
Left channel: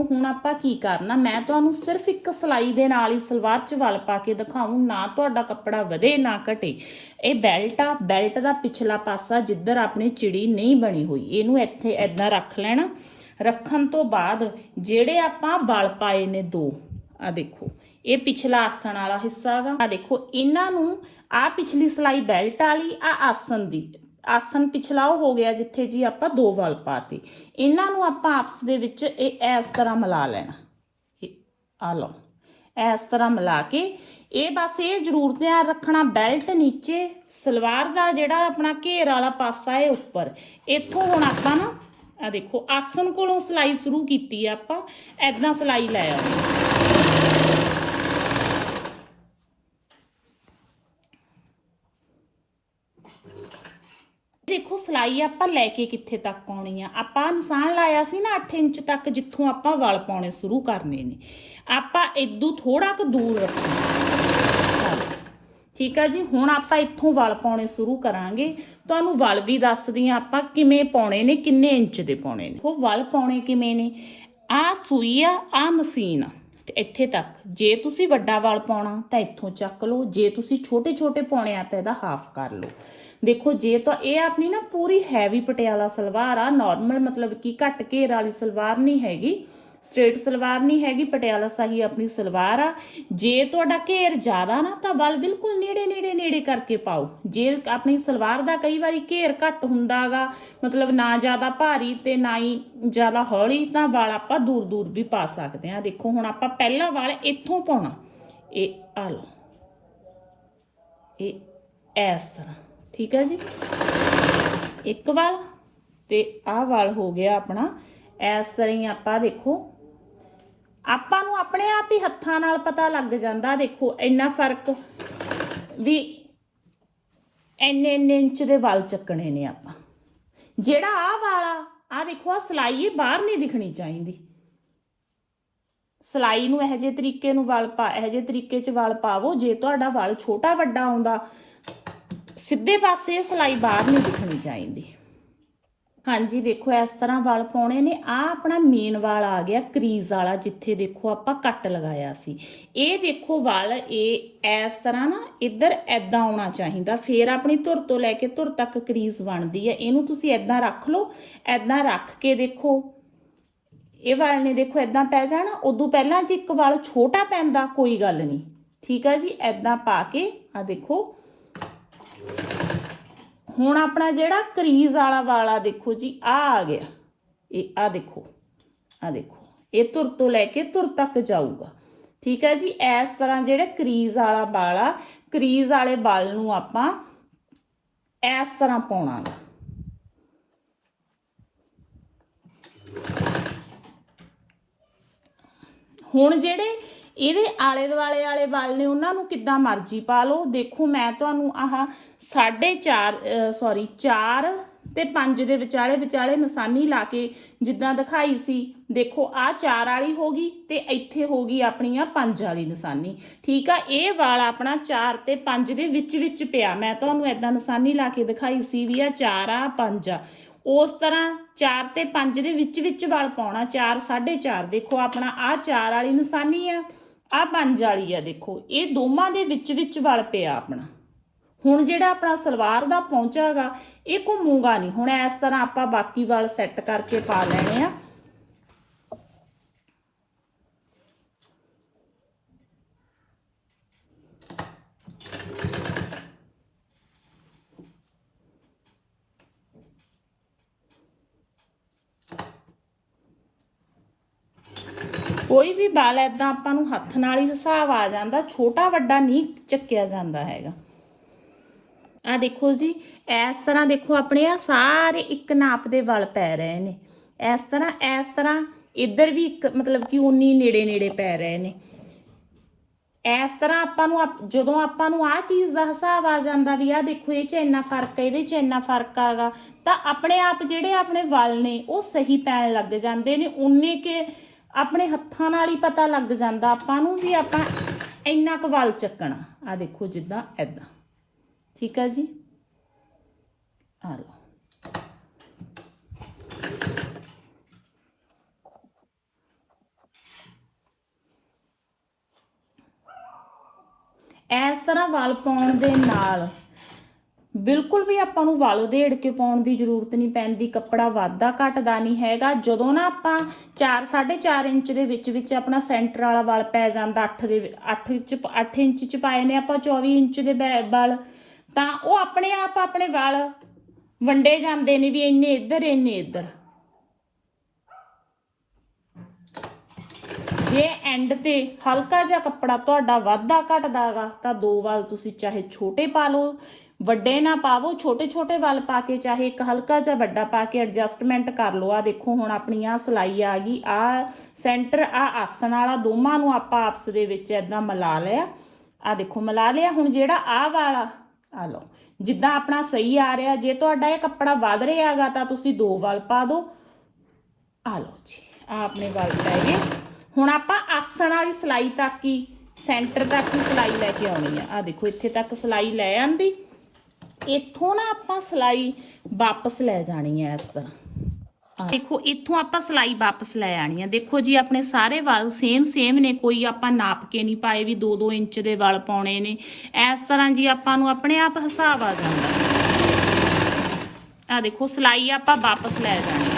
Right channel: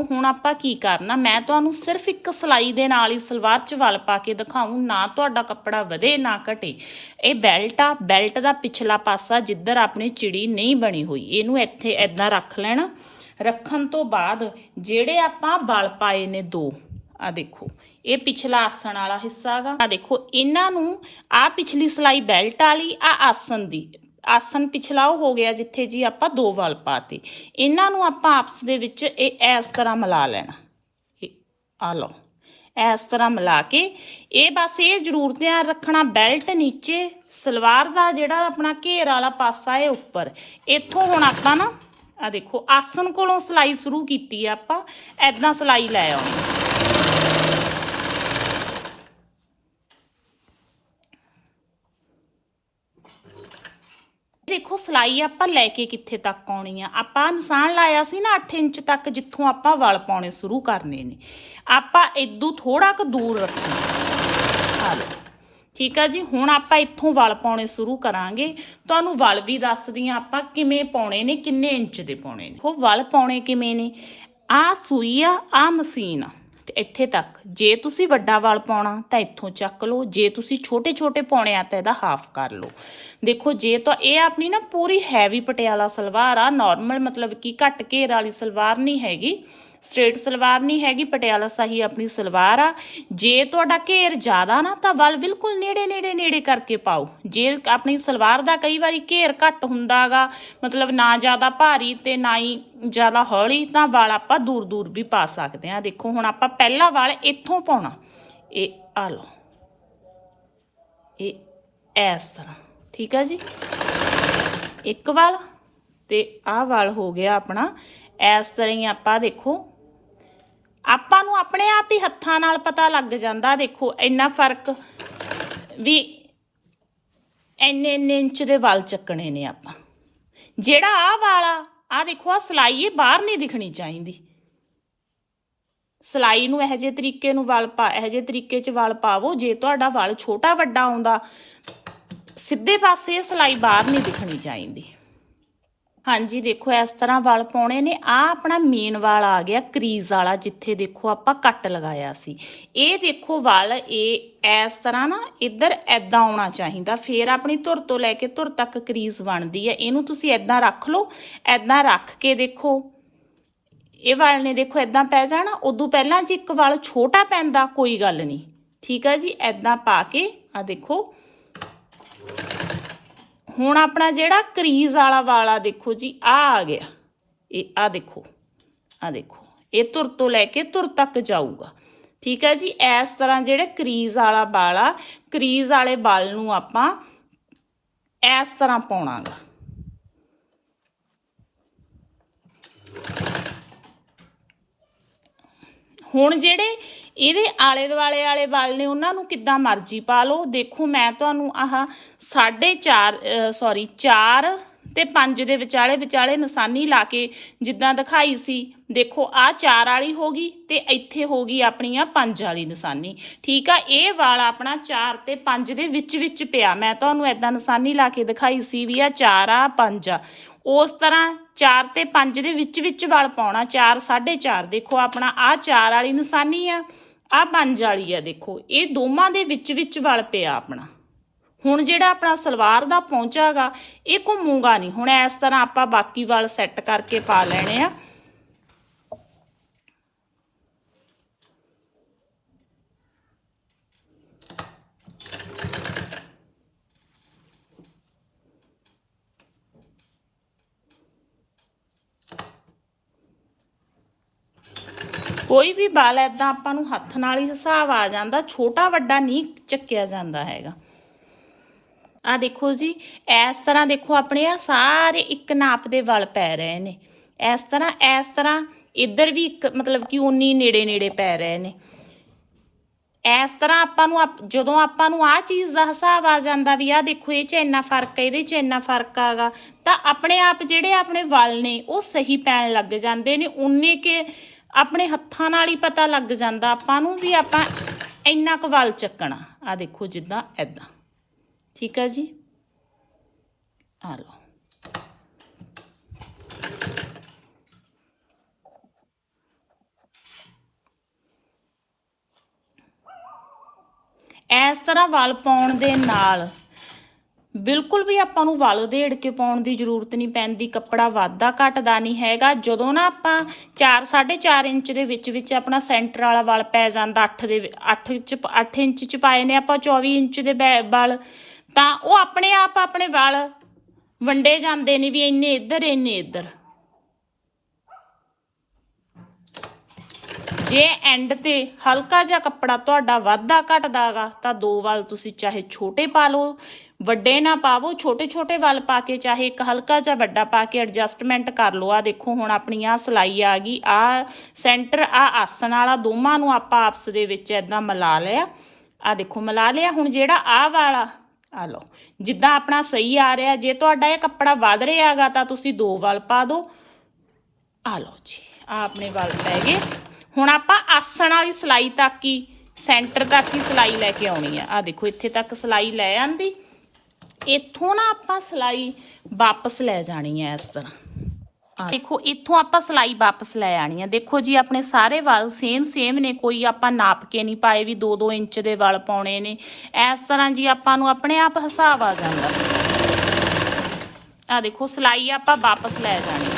ਹੁਣ ਆਪਾਂ ਕੀ ਕਰਨਾ? ਮੈਂ ਤੁਹਾਨੂੰ ਸਿਰਫ ਇੱਕ ਸਲਾਈ ਦੇ ਨਾਲ ਹੀ ਸਲਵਾਰ 'ਚ ਵਲ ਪਾ ਕੇ ਦਿਖਾਉਂ ਨਾ ਤੁਹਾਡਾ ਕੱਪੜਾ ਵਧੇ, ਨਾ ਘਟੇ। ਇਹ ਬੈਲਟ ਆ। ਬੈਲਟ ਦਾ ਪਿਛਲਾ ਪਾਸਾ ਜਿੱਧਰ ਆਪਣੀ ਚਿੜੀ ਨਹੀਂ ਬਣੀ ਹੋਈ, ਇਹਨੂੰ ਇੱਥੇ ਐਦਾਂ ਰੱਖ ਲੈਣਾ। ਰੱਖਣ ਤੋਂ ਬਾਅਦ ਜਿਹੜੇ ਆਪਾਂ ਵਲ ਪਾਏ ਨੇ ਦੋ ਆ ਦੇਖੋ, ਇਹ ਪਿਛਲਾ ਆਸਣ ਵਾਲਾ ਹਿੱਸਾ ਹੈਗਾ ਆ ਦੇਖੋ, ਇਹਨਾਂ ਨੂੰ ਆ ਪਿਛਲੀ ਸਲਾਈ ਬੈਲਟ ਵਾਲੀ ਆ ਆਸਣ ਦੀ। ਆਸਨ ਪਿਛਲਾ ਉਹ ਹੋ ਗਿਆ ਜਿੱਥੇ ਜੀ ਆਪਾਂ ਦੋ ਵਲ ਪਾਤੇ। ਇਹਨਾਂ ਨੂੰ ਆਪਾਂ ਆਪਸ ਦੇ ਵਿੱਚ ਇਹ ਇਸ ਤਰ੍ਹਾਂ ਮਿਲਾ ਲੈਣਾ। ਆ ਲਓ। ਇਸ ਤਰ੍ਹਾਂ ਮਿਲਾ ਕੇ ਇਹ ਬਸ ਇਹ ਜ਼ਰੂਰ ਧਿਆਨ ਰੱਖਣਾ, ਬੈਲਟ ਨੀਚੇ, ਸਲਵਾਰ ਦਾ ਜਿਹੜਾ ਆਪਣਾ ਘੇਰ ਵਾਲਾ ਪਾਸਾ ਹੈ ਉੱਪਰ। ਇੱਥੋਂ ਹੁਣ ਆਪਾਂ ਨਾ ਆ ਦੇਖੋ, ਆਸਨ ਕੋਲੋਂ ਸਲਾਈ ਸ਼ੁਰੂ ਕੀਤੀ ਆ ਆਪਾਂ। ਐਦਾਂ ਸਲਾਈ ਲੈ ਆਉਂਦੇ ਦੇਖੋ ਸਲਾਈ ਆਪਾਂ ਲੈ ਕੇ ਕਿੱਥੇ ਤੱਕ ਆਉਣੀ ਆ? ਆਪਾਂ ਨਿਸ਼ਾਨ ਲਾਇਆ ਸੀ ਨਾ 8 ਇੰਚ ਤੱਕ ਜਿੱਥੋਂ ਆਪਾਂ ਵਲ ਪਾਉਣੇ ਸ਼ੁਰੂ ਕਰਨੇ ਨੇ। ਆਪਾਂ ਇਦੋਂ ਥੋੜਾ ਕੁ ਦੂਰ ਰੱਖਣਾ। ਠੀਕ ਆ ਜੀ, ਹੁਣ ਆਪਾਂ ਇੱਥੋਂ ਵਲ ਪਾਉਣੇ ਸ਼ੁਰੂ ਕਰਾਂਗੇ। ਤੁਹਾਨੂੰ ਵਲ ਵੀ ਦੱਸਦੀ ਆ ਆਪਾਂ ਕਿਵੇਂ ਪਾਉਣੇ ਨੇ, ਕਿੰਨੇ ਇੰਚ ਦੇ ਪਾਉਣੇ ਨੇ। ਉਹ ਵਲ ਪਾਉਣੇ ਕਿਵੇਂ ਨੇ? ਆ ਸੂਈ ਆ ਆ ਮਸ਼ੀਨ ਆ। ਇੱਥੇ ਤੱਕ। ਜੇ ਤੁਸੀਂ ਵੱਡਾ ਵਾਲ ਪਾਉਣਾ ਤਾਂ ਇੱਥੋਂ ਚੱਕ ਲਓ। ਜੇ ਤੁਸੀਂ ਛੋਟੇ ਛੋਟੇ ਪਾਉਣੇ ਆ ਤਾਂ ਇਹਦਾ ਹਾਫ ਕਰ ਲਓ। ਦੇਖੋ, ਜੇ ਤਾਂ ਇਹ ਆਪਣੀ ਨਾ ਪੂਰੀ ਹੈਵੀ ਪਟਿਆਲਾ ਸਲਵਾਰ ਆ ਨਾਰਮਲ ਮਤਲਬ ਕਿ ਘੱਟ ਘੇਰ ਵਾਲੀ ਸਲਵਾਰ ਨਹੀਂ ਹੈਗੀ। ਸਟ੍ਰੇਟ ਸਲਵਾਰ ਨਹੀਂ ਹੈਗੀ, ਪਟਿਆਲਾ ਸਹੀ ਆਪਣੀ ਸਲਵਾਰ ਆ। ਜੇ ਤੁਹਾਡਾ ਘੇਰ ਜ਼ਿਆਦਾ ਨਾ, ਤਾਂ ਵੱਲ ਬਿਲਕੁਲ ਨੇੜੇ ਨੇੜੇ ਨੇੜੇ ਕਰਕੇ ਪਾਓ। ਜੇ ਆਪਣੀ ਸਲਵਾਰ ਦਾ ਕਈ ਵਾਰੀ ਘੇਰ ਘੱਟ ਹੁੰਦਾਗਾ, ਮਤਲਬ ਨਾ ਜ਼ਿਆਦਾ ਭਾਰੀ ਤੇ ਨਾ ਹੀ ਜ਼ਿਆਦਾ ਹੌਲੀ, ਤਾਂ ਵਾਲ ਆਪਾਂ ਦੂਰ ਦੂਰ ਵੀ ਪਾ ਸਕਦੇ ਆ। ਦੇਖੋ, ਹੁਣ ਆਪਾਂ ਪਹਿਲਾ ਵਾਲ ਇੱਥੋਂ ਪਾਉਣਾ। ਇਹ ਆ ਲਓ। ਇਹ ਇਸ ਤਰ੍ਹਾਂ, ਠੀਕ ਆ ਜੀ? ਇੱਕ ਵਾਲ ਤੇ ਆਹ ਵਾਲ ਹੋ ਗਿਆ ਆਪਣਾ। ਇਸ ਤਰ੍ਹਾਂ ਹੀ ਆਪਾਂ ਦੇਖੋ ਆਪਾਂ ਨੂੰ ਆਪਣੇ ਆਪ ਹੀ ਹੱਥਾਂ ਨਾਲ ਪਤਾ ਲੱਗ ਜਾਂਦਾ, ਦੇਖੋ, ਇੰਨਾ ਫ਼ਰਕ ਵੀ ਇੰਨੇ ਇੰਨੇ ਇੰਚ ਦੇ ਵਾਲ ਚੱਕਣੇ ਨੇ ਆਪਾਂ। ਜਿਹੜਾ ਆਹ ਵਾਲਾ ਆ ਦੇਖੋ ਆ ਸਲਾਈ ਇਹ ਬਾਹਰ ਨਹੀਂ ਦਿਖਣੀ ਚਾਹੀਦੀ। ਸਲਾਈ ਨੂੰ ਇਹੋ ਜਿਹੇ ਤਰੀਕੇ ਨੂੰ ਵਾਲ ਪਾ, ਇਹੋ ਜਿਹੇ ਤਰੀਕੇ 'ਚ ਵਾਲ ਪਾਵੋ, ਜੇ ਤੁਹਾਡਾ ਵਾਲ ਛੋਟਾ, ਵੱਡਾ ਆਉਂਦਾ, ਸਿੱਧੇ ਪਾਸੇ ਸਲਾਈ ਬਾਹਰ ਨਹੀਂ ਦਿਖਣੀ ਚਾਹੀਦੀ। ਹਾਂਜੀ, ਦੇਖੋ, ਇਸ ਤਰ੍ਹਾਂ ਵਾਲ ਪਾਉਣੇ ਨੇ। ਆ ਆਪਣਾ ਮੇਨ ਵਾਲ ਆ ਗਿਆ, ਕਰੀਜ਼ ਵਾਲਾ, ਜਿੱਥੇ ਦੇਖੋ ਆਪਾਂ ਕੱਟ ਲਗਾਇਆ ਸੀ। ਇਹ ਦੇਖੋ ਵਾਲ, ਇਹ ਇਸ ਤਰ੍ਹਾਂ ਨਾ ਇੱਧਰ ਐਦਾਂ ਆਉਣਾ ਚਾਹੀਦਾ। ਫੇਰ ਆਪਣੀ ਧੁਰ ਤੋਂ ਲੈ ਕੇ ਧੁਰ ਤੱਕ ਕਰੀਜ਼ ਬਣਦੀ ਹੈ। ਇਹਨੂੰ ਤੁਸੀਂ ਐਦਾਂ ਰੱਖ ਲਓ ਐਦਾਂ ਰੱਖ ਕੇ ਦੇਖੋ, ਇਹ ਵਾਲ ਨੇ ਦੇਖੋ ਐਦਾਂ ਪੈ ਜਾਣਾ। ਉਦੋਂ ਪਹਿਲਾਂ ਜੇ ਇੱਕ ਵਾਲ ਛੋਟਾ ਪੈਂਦਾ, ਕੋਈ ਗੱਲ ਨਹੀਂ। ਠੀਕ ਆ ਜੀ? ਐਦਾਂ ਪਾ ਕੇ ਆ ਦੇਖੋ ਹੁਣ ਆਪਣਾ ਜਿਹੜਾ ਕਰੀਜ਼ ਵਾਲਾ ਵਾਲਾ ਦੇਖੋ ਜੀ, ਆ ਆ ਗਿਆ। ਇਹ ਆ ਦੇਖੋ ਆ ਦੇਖੋ। ਇਹ ਤੁਰ ਤੋਂ ਲੈ ਕੇ ਤੁਰ ਤੱਕ ਜਾਊਗਾ। ਠੀਕ ਹੈ ਜੀ, ਇਸ ਤਰ੍ਹਾਂ ਜਿਹੜੇ ਕਰੀਜ਼ ਵਾਲਾ ਵਾਲਾ ਕਰੀਜ਼ ਵਾਲੇ ਵਾਲ ਨੂੰ ਆਪਾਂ ਇਸ ਤਰ੍ਹਾਂ ਪਾਉਣਾਗਾ। ਹੁਣ ਜਿਹੜੇ ਇਹਦੇ ਆਲੇ ਦੁਆਲੇ ਵਾਲੇ ਵਾਲ ਨੇ ਉਹਨਾਂ ਨੂੰ ਕਿੱਦਾਂ ਮਰਜ਼ੀ ਪਾ ਲਓ। ਦੇਖੋ, ਮੈਂ ਤੁਹਾਨੂੰ ਆਹ 4.5 ਸੌਰੀ 4 ਤੇ 5 ਦੇ ਵਿਚਾਲੇ ਵਿਚਾਲੇ ਨਿਸ਼ਾਨੀ ਲਾ ਕੇ ਜਿੱਦਾਂ ਦਿਖਾਈ ਸੀ। ਦੇਖੋ ਆ 4 ਵਾਲੀ ਹੋ ਗਈ ਤੇ ਇੱਥੇ ਹੋ ਗਈ ਆਪਣੀ ਆ 5 ਵਾਲੀ ਨਿਸ਼ਾਨੀ। ਠੀਕ ਆ, ਇਹ ਵਾਲ ਆਪਣਾ 4 ਤੇ 5 ਦੇ ਵਿੱਚ ਵਿੱਚ ਪਿਆ। ਮੈਂ ਤੁਹਾਨੂੰ ਐਦਾਂ ਨਿਸ਼ਾਨੀ ਲਾ ਕੇ ਦਿਖਾਈ ਸੀ ਵੀ ਆ 4 ਆ 5 ਆ। ਉਸ ਤਰ੍ਹਾਂ 4 ਤੇ 5 ਦੇ ਵਿੱਚ ਵਿੱਚ ਵਾਲ ਪਾਉਣਾ 4 4.5 ਦੇਖੋ, ਆਪਣਾ ਆ 4 ਵਾਲੀ ਨਿਸ਼ਾਨੀ ਆ। ਆ 5 ਵਾਲੀ ਆ ਦੇਖੋ, ਇਹ ਦੋਵਾਂ ਦੇ ਵਿੱਚ ਵਿੱਚ ਵਾਲ ਪਿਆ ਆਪਣਾ। ਹੁਣ ਜਿਹੜਾ ਆਪਣਾ ਸਲਵਾਰ ਦਾ ਪਹੁੰਚਾਗਾ ਇਹ ਘੁੰਮੂਗਾ ਨਹੀਂ। ਹੁਣ ਇਸ ਤਰ੍ਹਾਂ ਆਪਾਂ ਬਾਕੀ ਵਾਲ ਸੈੱਟ ਕਰਕੇ ਪਾ ਲੈਣੇ ਆ। ਕੋਈ ਵੀ ਵਾਲ ਐਦਾਂ ਆਪਾਂ ਨੂੰ ਹੱਥ ਨਾਲ ਹੀ ਹਿਸਾਬ ਆ ਜਾਂਦਾ, ਛੋਟਾ ਵੱਡਾ ਨਹੀਂ ਚੱਕਿਆ ਜਾਂਦਾ ਹੈਗਾ। ਆ ਦੇਖੋ ਜੀ, ਇਸ ਤਰ੍ਹਾਂ ਦੇਖੋ ਆਪਣੇ ਆ ਸਾਰੇ ਇੱਕ ਨਾਪ ਦੇ ਵਲ ਪੈ ਰਹੇ ਨੇ। ਇਸ ਤਰ੍ਹਾਂ ਇਸ ਤਰ੍ਹਾਂ ਇੱਧਰ ਵੀ ਇੱਕ ਮਤਲਬ ਕਿ ਉਨੀ ਨੇੜੇ ਨੇੜੇ ਪੈ ਰਹੇ ਨੇ। ਇਸ ਤਰ੍ਹਾਂ ਆਪਾਂ ਨੂੰ ਆਪ- ਜਦੋਂ ਆਪਾਂ ਨੂੰ ਆ ਚੀਜ਼ ਦਾ ਹਿਸਾਬ ਆ ਜਾਂਦਾ ਵੀ ਆ ਦੇਖੋ, ਇਹ ਚ ਇੰਨਾ ਫ਼ਰਕ ਹੈ, ਇਹਦੇ ਚ ਇੰਨਾ ਫ਼ਰਕ ਆਗਾ ਤਾਂ ਆਪਣੇ ਆਪ ਜਿਹੜੇ ਆਪਣੇ ਵਲ ਨੇ, ਉਹ ਸਹੀ ਪੈਣ ਲੱਗ ਜਾਂਦੇ ਨੇ ਉਨੇ ਕੇ ਆਪਣੇ ਹੱਥਾਂ ਨਾਲ ਹੀ ਪਤਾ ਲੱਗ ਜਾਂਦਾ, ਆਪਾਂ ਨੂੰ ਵੀ ਆਪਾਂ ਇੰਨਾ ਕੁ ਵਲ ਚੱਕਣਾ। ਆ ਦੇਖੋ ਜਿੱਦਾਂ ਐਦਾਂ ਠੀਕ ਹੈ ਜੀ? ਆ ਲਓ। ਇਸ ਤਰ੍ਹਾਂ ਵਲ ਪਾਉਣ ਦੇ ਨਾਲ ਬਿਲਕੁਲ ਵੀ ਆਪਾਂ ਨੂੰ ਵਲ ਉਧੇੜ ਕੇ ਪਾਉਣ ਦੀ ਜ਼ਰੂਰਤ ਨਹੀਂ ਪੈਂਦੀ ਕੱਪੜਾ ਵਾਧਾ ਘਟਦਾ ਨਹੀਂ ਹੈਗਾ। ਜਦੋਂ ਨਾ ਆਪਾਂ 4 4.5 ਇੰਚ ਦੇ ਵਿੱਚ ਵਿੱਚ ਆਪਣਾ ਸੈਂਟਰ ਵਾਲਾ ਵਲ ਪੈ ਜਾਂਦਾ 8 ਦੇ 8 ਚ 8 ਇੰਚ ਚ ਪਾਏ ਨੇ ਆਪਾਂ 24 ਇੰਚ ਦੇ ਬੈ- ਤਾਂ ਉਹ ਆਪਣੇ ਆਪ ਆਪਣੇ ਵਲ ਵੰਡੇ ਜਾਂਦੇ ਨੇ ਵੀ ਇੰਨੇ ਇੱਧਰ ਇੰਨੇ ਇੱਧਰ। ਜੇ ਐਂਡ ਤੇ ਹਲਕਾ ਜਿਹਾ ਕੱਪੜਾ ਤੁਹਾਡਾ ਵਾਧਾ ਘਟਦਾਗਾ ਤਾਂ ਦੋ ਵਾਲ ਤੁਸੀਂ ਚਾਹੇ ਛੋਟੇ ਪਾ ਲਓ ਵੱਡੇ ਨਾ ਪਾਵੋ ਛੋਟੇ ਛੋਟੇ ਵੱਲ ਪਾ ਕੇ ਚਾਹੇ ਇੱਕ ਹਲਕਾ ਜਿਹਾ ਵੱਡਾ ਪਾ ਕੇ ਐਡਜਸਟਮੈਂਟ ਕਰ ਲਓ। ਆ ਦੇਖੋ, ਹੁਣ ਆਪਣੀ ਆ ਸਲਾਈ ਆ ਗਈ। ਆ ਸੈਂਟਰ ਆ ਆਸਣ ਵਾਲਾ ਦੋਵਾਂ ਨੂੰ ਆਪਾਂ ਆਪਸ ਦੇ ਵਿੱਚ ਐਦਾਂ ਮਿਲਾ ਲਿਆ। ਆ ਦੇਖੋ, ਮਿਲਾ ਲਿਆ। ਹੁਣ ਜਿਹੜਾ ਆ ਵਾਲਾ ਆ ਲਓ, ਜਿੱਦਾਂ ਆਪਣਾ ਸਹੀ ਆ ਰਿਹਾ, ਜੇ ਤੁਹਾਡਾ ਇਹ ਕੱਪੜਾ ਵੱਧ ਰਿਹਾਗਾ ਤਾਂ ਤੁਸੀਂ ਦੋ ਵਾਲ ਪਾ ਦਿਓ। ਆ ਲਓ ਜੀ ਆ ਆਪਣੇ ਵਾਲ ਪੈ ਗਏ। ਹੁਣ ਆਪਾਂ ਆਸਣ ਵਾਲੀ ਸਲਾਈ ਤੱਕ ਹੀ ਸੈਂਟਰ ਤੱਕ ਹੀ ਸਲਾਈ ਲੈ ਕੇ ਆਉਣੀ ਆ। ਆ ਦੇਖੋ, ਇੱਥੇ ਤੱਕ ਸਲਾਈ ਲੈ ਆਂਦੀ। ਇੱਥੋਂ ਨਾ ਆਪਾਂ ਸਲਾਈ ਵਾਪਸ ਲੈ ਜਾਣੀ ਹੈ ਇਸ ਤਰ੍ਹਾਂ। ਦੇਖੋ, ਇੱਥੋਂ ਆਪਾਂ ਸਲਾਈ ਵਾਪਸ ਲੈ ਆਣੀ ਆ ਦੇਖੋ ਜੀ, ਆਪਣੇ ਸਾਰੇ ਵਾਲ ਸੇਮ ਸੇਮ ਨੇ। ਕੋਈ ਆਪਾਂ ਨਾਪ ਕੇ ਨਹੀਂ ਪਾਏ ਵੀ 2-2 ਇੰਚ ਦੇ ਵਾਲ ਪਾਉਣੇ ਨੇ। ਇਸ ਤਰ੍ਹਾਂ ਜੀ ਆਪਾਂ ਨੂੰ ਆਪਣੇ ਆਪ ਹਿਸਾਬ ਆ ਜਾਂਦਾ। ਆ ਦੇਖੋ, ਸਲਾਈ ਆਪਾਂ ਵਾਪਸ ਲੈ ਜਾਣੀ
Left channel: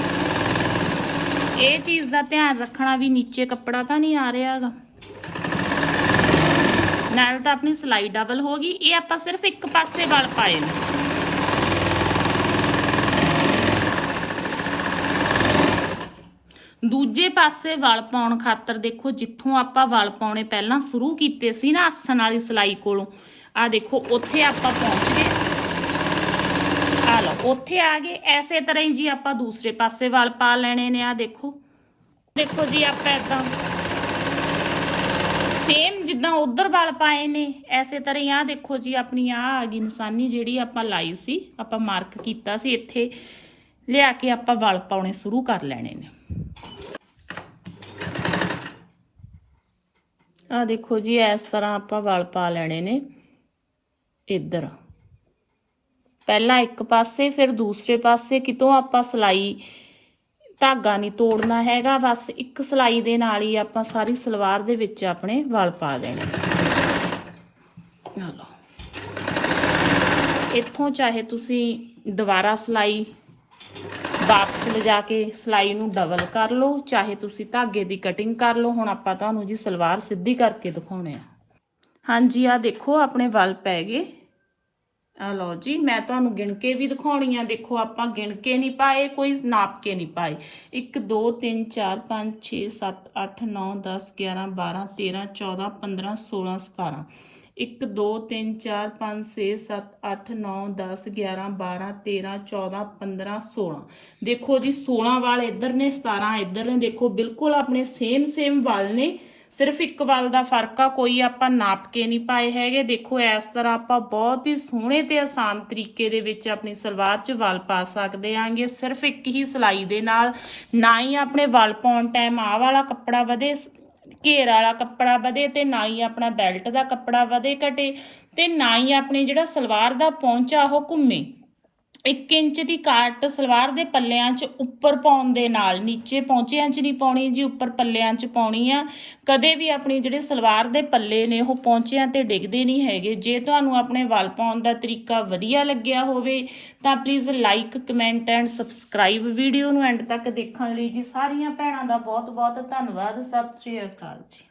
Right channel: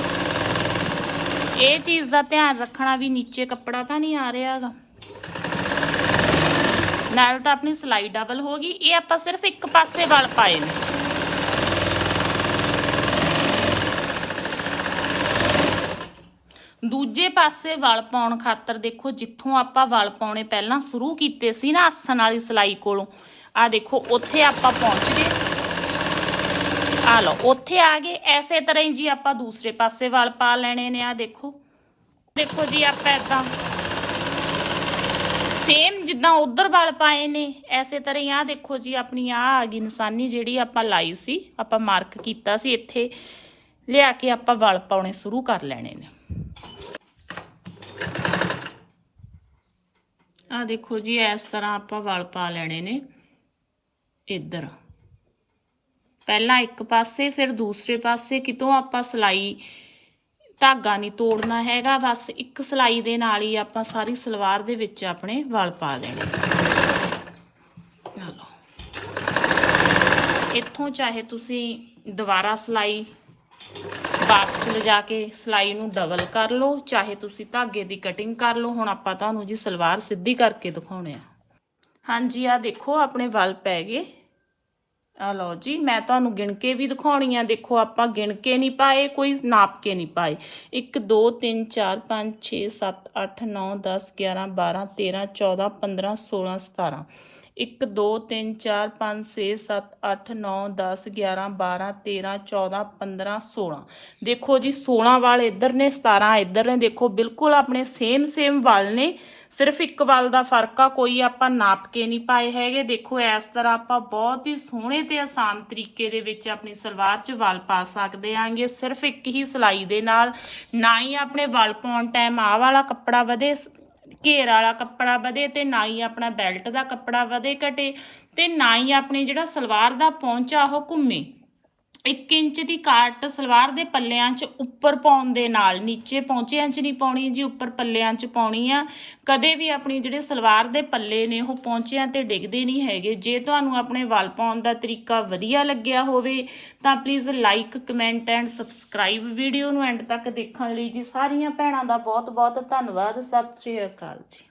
ਇਹ ਚੀਜ਼ ਦਾ ਧਿਆਨ ਰੱਖਣਾ ਵੀ ਨੀਚੇ ਕੱਪੜਾ ਤਾਂ ਨਹੀਂ ਆ ਰਿਹਾ ਹੈਗਾ ਆਪਣੀ ਸਲਾਈ ਡਬਲ ਹੋ ਗਈ। ਇਹ ਆਪਾਂ ਸਿਰਫ ਇੱਕ ਪਾਸੇ ਵਾਲ ਪਾਏ ਨੇ। ਦੂਜੇ ਪਾਸੇ ਵਲ ਪਾਉਣ ਖਾਤਰ ਦੇਖੋ, ਜਿੱਥੋਂ ਆਪਾਂ ਵਲ ਪਾਉਣੇ ਪਹਿਲਾਂ ਸ਼ੁਰੂ ਕੀਤੇ ਸੀ ਨਾ ਆਸਣ ਵਾਲੀ ਸਲਾਈ ਕੋਲੋਂ ਆ ਦੇਖੋ, ਉੱਥੇ ਆਪਾਂ ਪਹੁੰਚ ਗਏ। ਆ ਲਓ, ਉੱਥੇ ਆ ਗਏ। ਐਸੇ ਤਰ੍ਹਾਂ ਹੀ ਜੀ ਆਪਾਂ ਦੂਸਰੇ ਪਾਸੇ ਵਲ ਪਾ ਲੈਣੇ ਨੇ ਆ ਦੇਖੋ। ਦੇਖੋ ਜੀ, ਆਪਾਂ ਏਦਾਂ। ਸੇਮ ਜਿੱਦਾਂ ਉਧਰ ਵਲ ਪਾਏ ਨੇ, ਐਸੇ ਤਰ੍ਹਾਂ ਹੀ ਆ ਦੇਖੋ ਜੀ, ਆਪਣੀ ਆ ਆ ਗਈ ਨਿਸ਼ਾਨੀ ਜਿਹੜੀ ਆਪਾਂ ਲਾਈ ਸੀ, ਆਪਾਂ ਮਾਰਕ ਕੀਤਾ ਸੀ, ਇੱਥੇ ਲਿਆ ਕੇ ਆਪਾਂ ਵਲ ਪਾਉਣੇ ਸ਼ੁਰੂ ਕਰ ਲੈਣੇ ਨੇ। ਆ ਦੇਖੋ ਜੀ, ਇਸ ਤਰ੍ਹਾਂ ਆਪਾਂ ਵਲ ਪਾ ਲੈਣੇ ਨੇ, ਇੱਧਰ। ਪਹਿਲਾਂ ਇੱਕ ਪਾਸੇ, ਫਿਰ ਦੂਸਰੇ ਪਾਸੇ, ਕਿਤੋਂ ਆਪਾਂ ਸਲਾਈ ਧਾਗਾ ਨਹੀਂ ਤੋੜਨਾ ਹੈਗਾ, ਬਸ ਇੱਕ ਸਲਾਈ ਦੇ ਨਾਲ ਹੀ ਆਪਾਂ ਸਾਰੀ ਸਲਵਾਰ ਦੇ ਵਿੱਚ ਆਪਣੇ ਵਲ ਪਾ ਦੇਣੇ। ਲਓ। ਇੱਥੋਂ ਚਾਹੇ ਤੁਸੀਂ ਦੁਬਾਰਾ ਸਲਾਈ ਵਾਪਸ ਲਿਜਾ ਕੇ ਸਲਾਈ ਨੂੰ ਡਬਲ ਕਰ ਲਓ, ਚਾਹੇ ਤੁਸੀਂ ਧਾਗੇ ਦੀ ਕਟਿੰਗ ਕਰ ਲਓ, ਹੁਣ ਆਪਾਂ ਤੁਹਾਨੂੰ ਜੀ ਸਲਵਾਰ ਸਿੱਧੀ ਕਰਕੇ ਦਿਖਾਉਣੇ ਆ। ਹਾਂਜੀ ਆ ਦੇਖੋ, ਆਪਣੇ ਵਲ ਪੈ ਗਏ। ਆ ਲਓ ਜੀ, ਮੈਂ ਤੁਹਾਨੂੰ ਗਿਣ ਕੇ ਵੀ ਦਿਖਾਉਣੀ ਆ ਦੇਖੋ, ਆਪਾਂ ਗਿਣ ਕੇ ਨਹੀਂ ਪਾਏ, ਕੋਈ ਨਾਪ ਕੇ ਨਹੀਂ ਪਾਏ। 1 2 3 4 5 6 7 8 9 10 11 12 13 14 15 16 17 1 2 3 4 5 6 7 8 9 10 11 12 13 14 15 16 ਦੇਖੋ ਜੀ 16 ਵਾਲ ਇੱਧਰ ਨੇ 17 ਇੱਧਰ ਨੇ। ਦੇਖੋ, ਬਿਲਕੁਲ ਆਪਣੇ ਸੇਮ ਸੇਮ ਵਾਲ ਨੇ। ਸਿਰਫ ਇੱਕ ਵੱਲ ਦਾ ਫ਼ਰਕ ਆ, ਕੋਈ ਆਪਾਂ ਨਾਪ ਕੇ ਨਹੀਂ ਪਾਏ ਹੈਗੇ। ਦੇਖੋ, ਇਸ ਤਰ੍ਹਾਂ ਆਪਾਂ ਬਹੁਤ ਹੀ ਸੋਹਣੇ ਤੇ ਆਸਾਨ ਤਰੀਕੇ ਦੇ ਵਿੱਚ ਆਪਣੀ ਸਲਵਾਰ 'ਚ ਵੱਲ ਪਾ ਸਕਦੇ ਆਂਗੇ। ਸਿਰਫ ਇੱਕ ਹੀ ਸਿਲਾਈ ਦੇ ਨਾਲ, ਨਾ ਹੀ ਆਪਣੇ ਵੱਲ ਪਾਉਣ ਟਾਈਮ ਆਹ ਵਾਲਾ ਕੱਪੜਾ ਵਧੇ, ਘੇਰ ਵਾਲਾ ਕੱਪੜਾ ਵਧੇ ਤੇ ਨਾ ਹੀ ਆਪਣਾ ਬੈਲਟ ਦਾ ਕੱਪੜਾ ਵਧੇ ਘਟੇ ਤੇ ਨਾ ਹੀ ਆਪਣੀ ਜਿਹੜਾ ਸਲਵਾਰ ਦਾ ਪਹੁੰਚਾ ਉਹ ਘੁੰਮੇ। 1 ਇੰਚ ਦੀ ਕਾਟ ਸਲਵਾਰ ਦੇ ਪੱਲਿਆਂ 'ਚ ਉੱਪਰ ਪਾਉਣ ਦੇ ਨਾਲ, ਨੀਚੇ ਪਹੁੰਚਿਆਂ 'ਚ ਨਹੀਂ ਪਾਉਣੀ ਜੀ, ਉੱਪਰ ਪੱਲਿਆਂ 'ਚ ਪਾਉਣੀ ਆ। ਕਦੇ ਵੀ ਆਪਣੀ ਜਿਹੜੇ ਸਲਵਾਰ ਦੇ ਪੱਲੇ ਨੇ, ਉਹ ਪਹੁੰਚਿਆਂ ਤੇ ਡਿੱਗਦੇ ਨਹੀਂ ਹੈਗੇ। ਜੇ ਤੁਹਾਨੂੰ ਆਪਣੇ ਵੱਲ ਪਾਉਣ ਦਾ ਤਰੀਕਾ ਵਧੀਆ ਲੱਗਿਆ ਹੋਵੇ, ਤਾਂ please like comment and subscribe video ਨੂੰ ਐਂਡ ਤੱਕ ਦੇਖਣ ਲਈ ਜੀ। ਸਾਰੀਆਂ ਭੈਣਾਂ ਦਾ ਬਹੁਤ ਬਹੁਤ ਧੰਨਵਾਦ। ਸਤਿ ਸ਼੍ਰੀ ਅਕਾਲ ਜੀ।